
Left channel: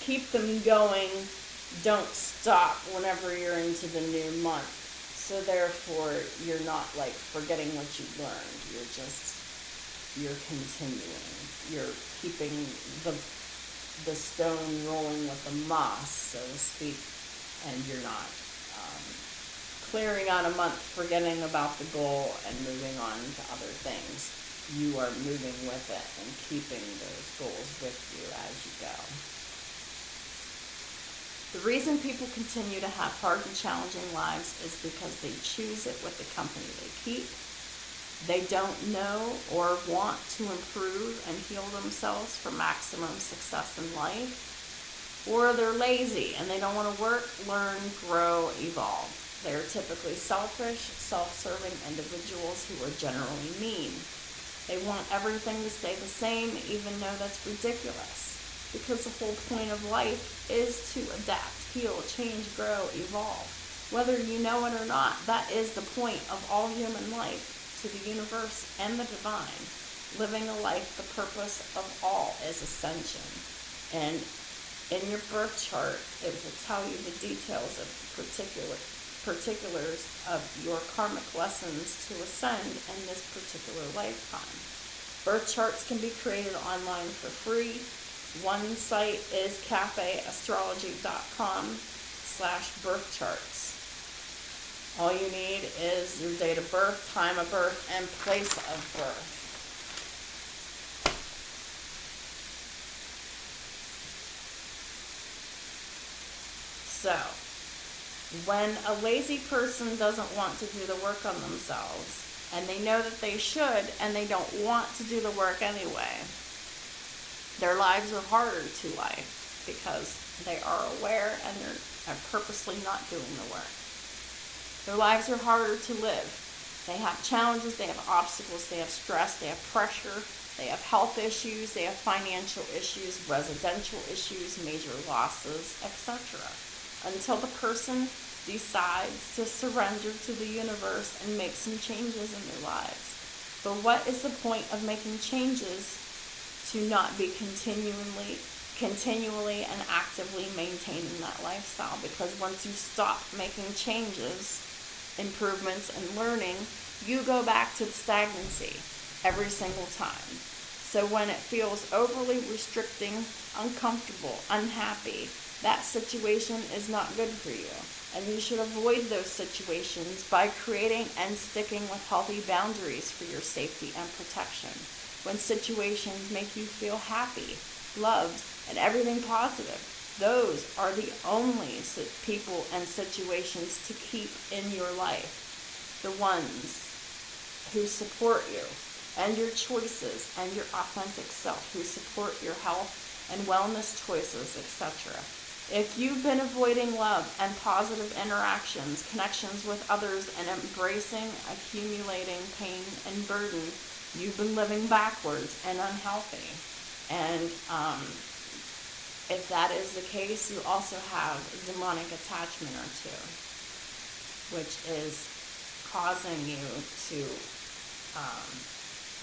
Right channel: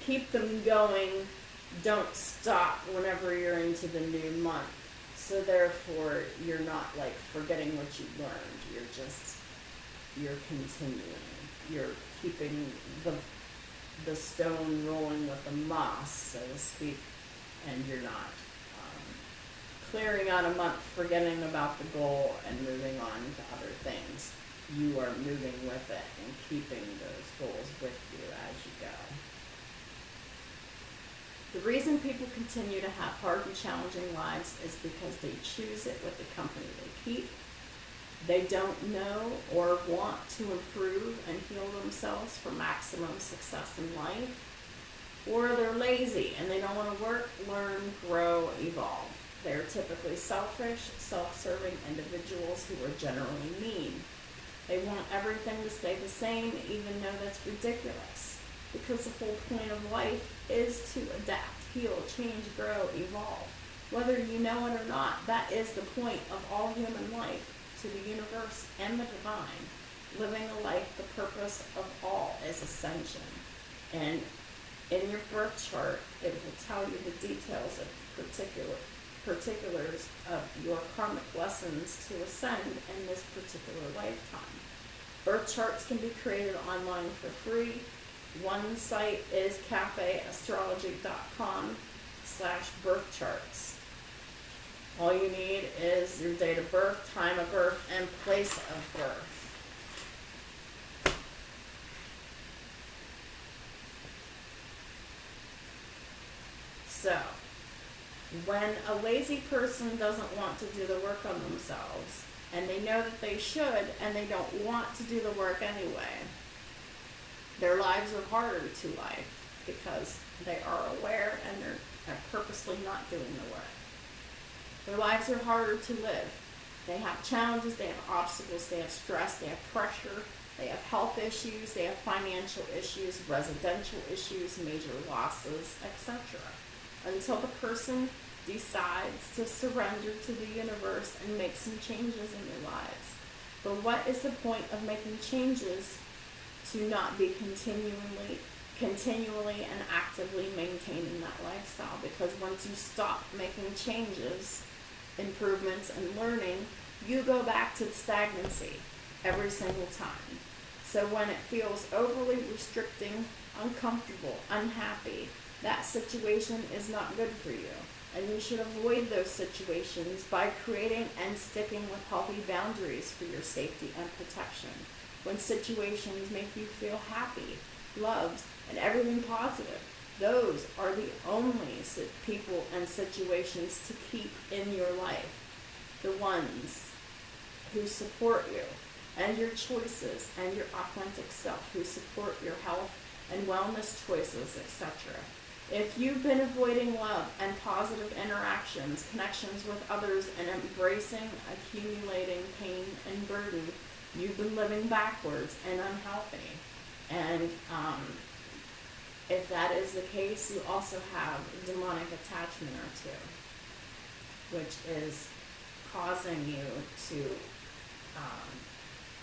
Keep them going. Don't stop whenever you're into the new month. So therefore, you're not like forgetting what you learned. You're continuing. You're keeping the stone rolling with the moss, so to speak, and you're not clearing out a month, forgetting about the goal, and moving on to other things. You are moving with it and keeping those goals with you as you go. The reason people continue to have hard and challenging lives is because they choose it with the company they keep. They don't know or want to improve and heal themselves for maximum success in life. Or they're lazy and they don't want to work, learn, grow, evolve. They're typically selfish, self-serving individuals who are generally mean. They want everything to stay the same, even though that's ridiculous. Because the whole point of life is to adapt, heal, change, grow, evolve. Whether you know it or not, that is the point of all human life, to the universe and the divine. Living a life, the purpose of all is ascension. And in your birth chart, it will tell you the details of particulars of your karmic lessons to ascend in this particular lifetime. Birth charts can be created online for free. One site is cafeastrology.com/birthcharts. All you need is your date of birth, time of birth, and place of birth. So, when a lazy person doesn't want to do the work on themselves, and they know that they should, and they don't want to do the work anyway, their lives are harder to life because they are aware and they're purposely not doing the work. Their lives are harder to live. They have challenges, they have obstacles, they have stress, they have pressure, they have health issues, they have financial issues, residential issues, major losses, etc. Until the person decides to surrender to the universe and make some changes in their lives. But what is the point of making changes to not be continually and actively maintaining that lifestyle? Because once you stop making changes, improvements, and learning, you go back to the stagnancy every single time. So when it feels overly restricting, uncomfortable, unhappy, that situation is not good for you. And you should avoid those situations by creating and sticking with healthy boundaries for your safety and protection. When situations make you feel happy, loved, and everything positive, those are the only people and situations to keep in your life. The ones who support you and your choices and your authentic self, who support your health and wellness choices, etc. If you've been avoiding love and positive interactions, connections with others, and embracing accumulating pain and burden, you've been living backwards and unhealthy. And if that is the case, you also have a demonic attachment or two, which is causing you to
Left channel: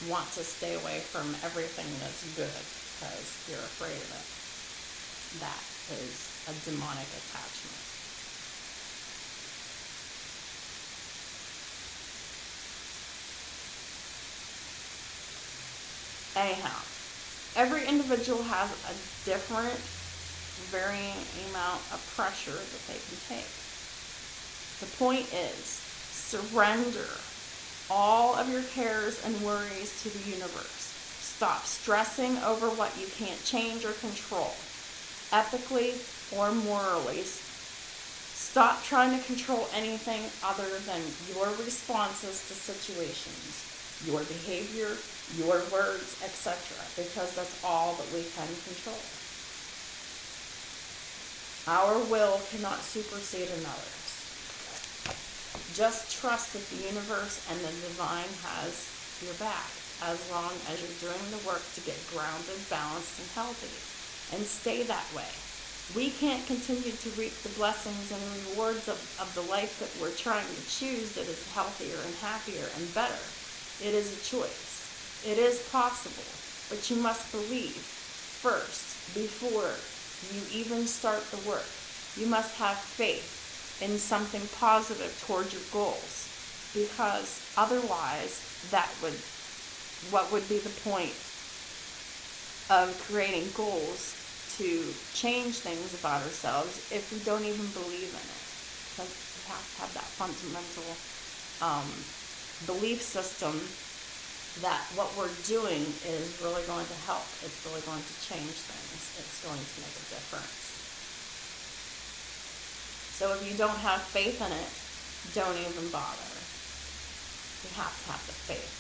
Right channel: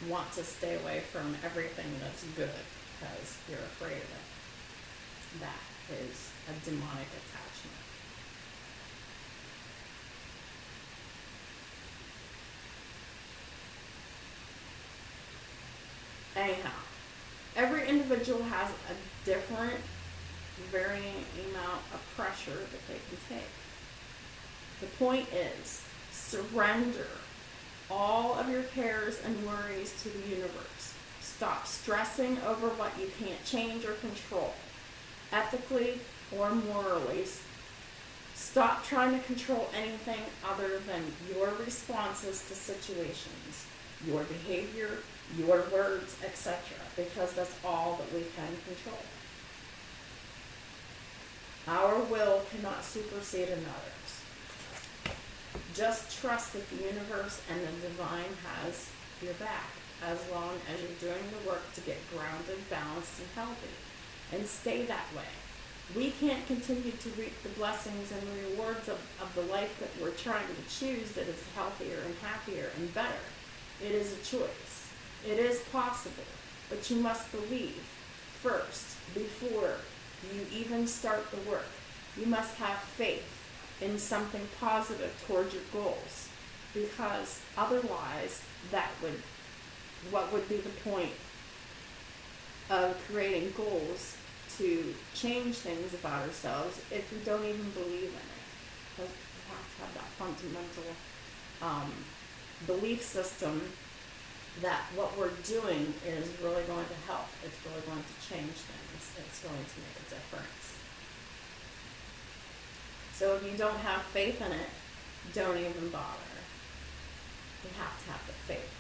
want to stay away from everything that's good because you're afraid of it. That is a demonic attachment. Anyhow, every individual has a different, varying amount of pressure that they can take. The point is, surrender all of your cares and worries to the universe. Stop stressing over what you can't change or control. Ethically or morally, Stop trying to control anything other than your responses to situations, your behavior, your words, etc., because that's all that we can control. Our will cannot supersede another's. Just trust that the universe and the divine has your back, as long as you're doing the work to get grounded, balanced, and healthy. And stay that way. We can't continue to reap the blessings and rewards of the life that we're trying to choose that is healthier and happier and better. It is a choice. It is possible, but you must believe first before you even start the work. You must have faith in something positive toward your goals, because otherwise what would be the point of creating goals to change things about ourselves if we don't even believe in it? Because we have to have that fundamental belief system that what we're doing is really going to help. It's really going to change things. It's going to make a difference. So if you don't have faith in it, don't even bother. You have to have the faith.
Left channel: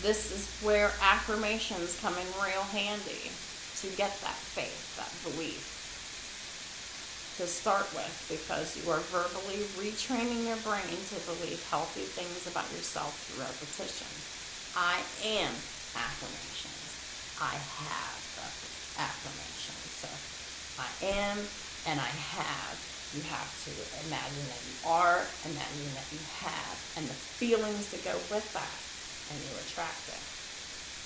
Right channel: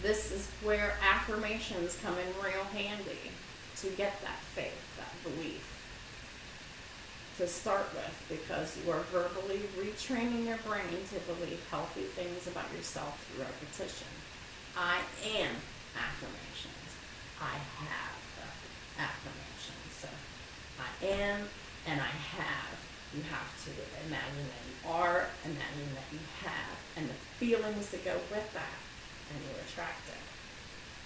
This is where affirmations come in real handy to get that faith, that belief to start with, because you are verbally retraining your brain to believe healthy things about yourself through repetition. I am affirmations. I have affirmations. So I am and I have. You have to imagine that you are, imagine that you have, and the feelings that go with that, and you attract it.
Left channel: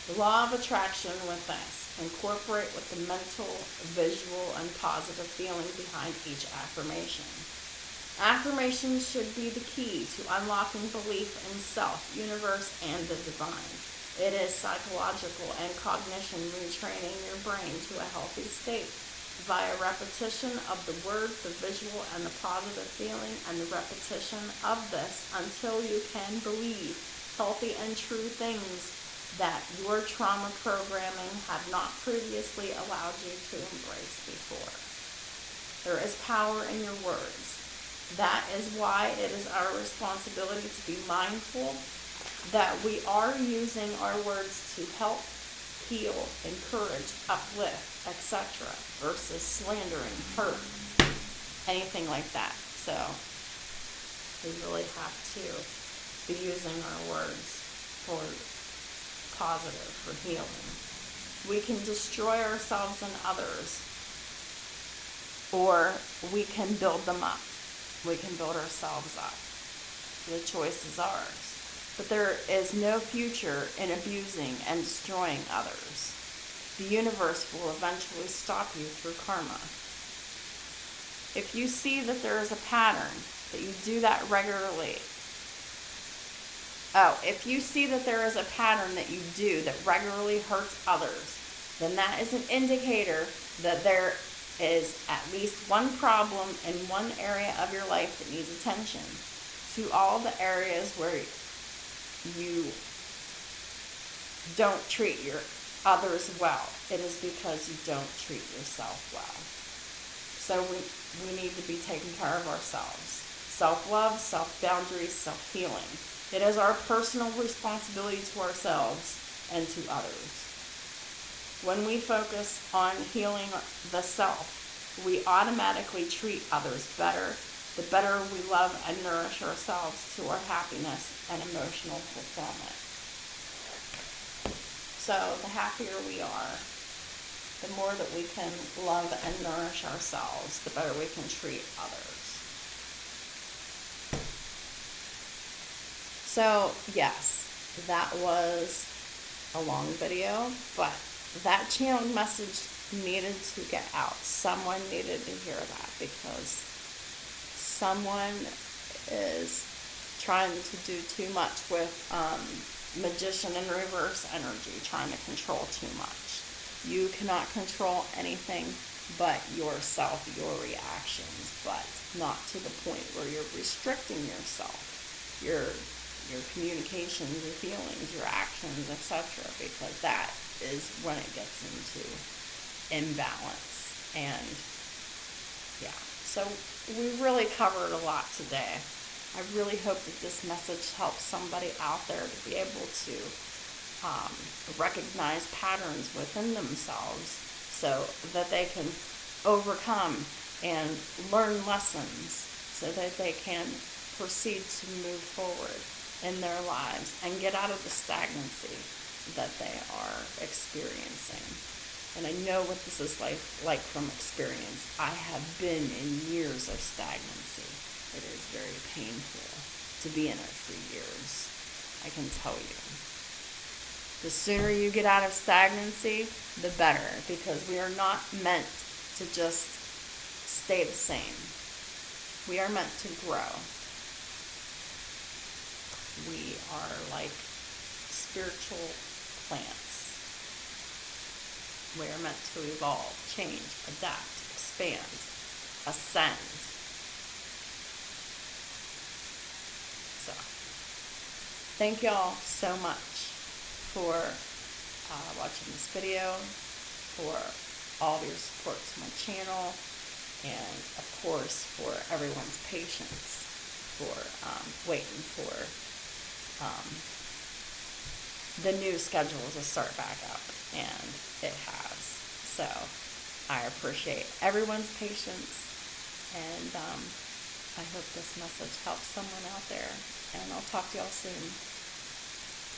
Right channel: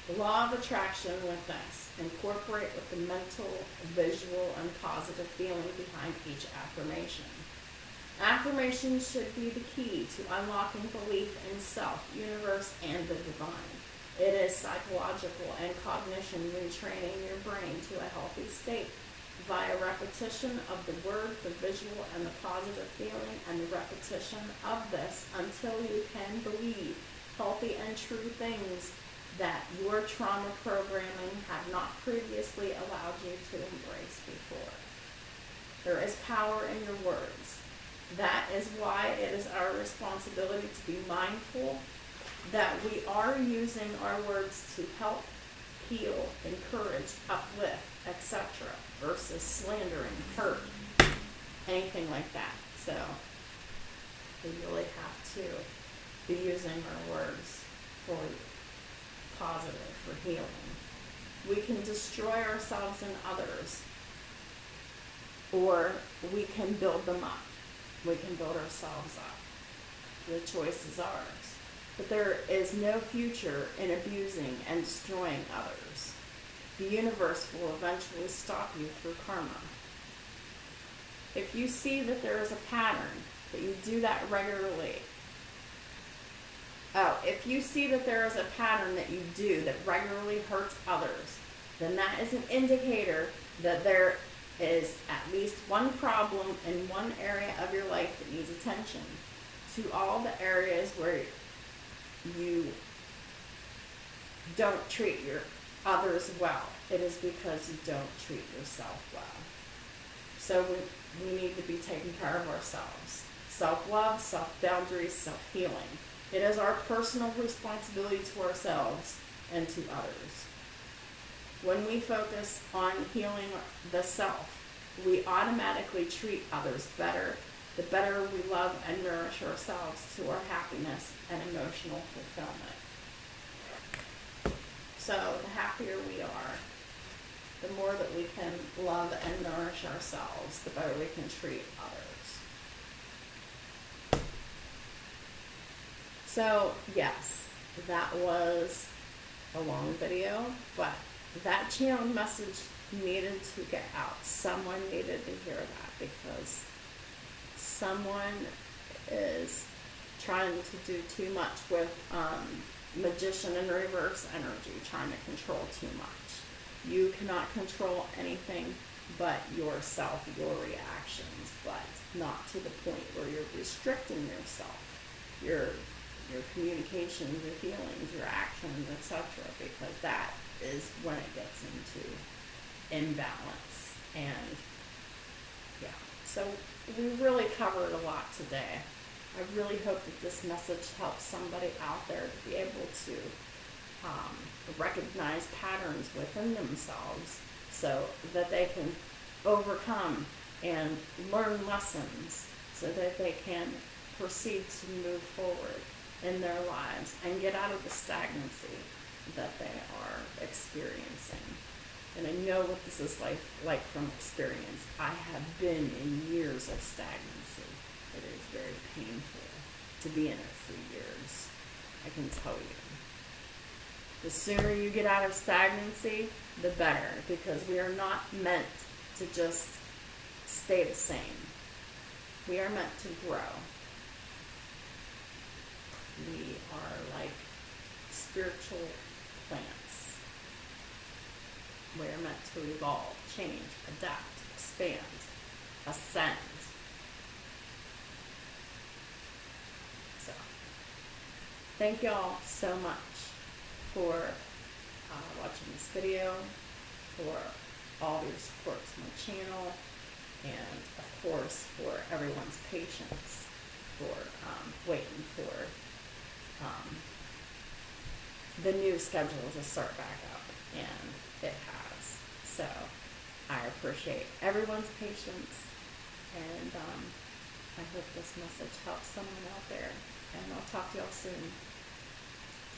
The law of attraction with this. Incorporate with the mental, visual, and positive feeling behind each affirmation. Affirmations should be the key to unlocking belief in self, universe, and the divine. It is psychological and cognition retraining your brain to a healthy state via repetition of the word, the visual, and the positive feeling, and the repetition of this until you can believe healthy and true things that your trauma programming had not previously allowed you to embrace before. There is power in your words. That is why it is our responsibility to be mindful that we are using our words to help, heal, encourage, uplift, etc., versus slandering, hurt, anything like that. So we really have to be using our words for positive, for healing. We can destroy ourselves and others, or we can build them up. We can build ourselves up. The choice is ours. But there is no future in abusing and destroying others. The universe will eventually stop you through karma. If you see that there is a pattern, that you do that regularly, if you see that there is a pattern that you do that regularly hurts others, then that is an indicator that there is at least one problem in one area of your life that needs attention. To all the areas where you don't treat your others well, it is because you don't treat yourself well. So we need to be taking care of ourselves. Self-love, self-boundaries, self-healing. It is our personal responsibility to ourselves and to others. When we focus on healing the self, we automatically treat others better. The better we love and nourish ourselves to our happiness and emotional fulfillment. So the happier we are, the more that we can love and nourish ourselves, the better we can treat others. So yes, that was a long video, but that channeling message needed to get out. Someone needed to hear that, because someone is trying to do too much with magician and reverse energy, trying to control too much. You cannot control anything but yourself, your reactions, but not to the point where you're restricting yourself, your communications, your feelings, your actions, etc., because that is when it gets into imbalance. And yeah, so we really covered a lot today. I really hope that this message helps somebody out there to be able to recognize patterns within themselves so that they can overcome and learn lessons so that they can proceed to move forward in their lives and get out of the stagnancy that they are experiencing. And I know what this is like from experience. I have been in years of stagnancy. It is very painful to be in it for years. I can tell you. The sooner you get out of stagnancy, the better, because we are not meant to just stay the same. We are meant to grow. We are like spiritual plants. We are meant to evolve, change, adapt, expand, ascend. So, thank y'all so much for watching this video, for all your support to my channel, and of course for everyone's patience for waiting for the new schedule to start back up, and it has. So I appreciate everyone's patience, and I hope this message helps someone out there, and I'll talk to y'all soon.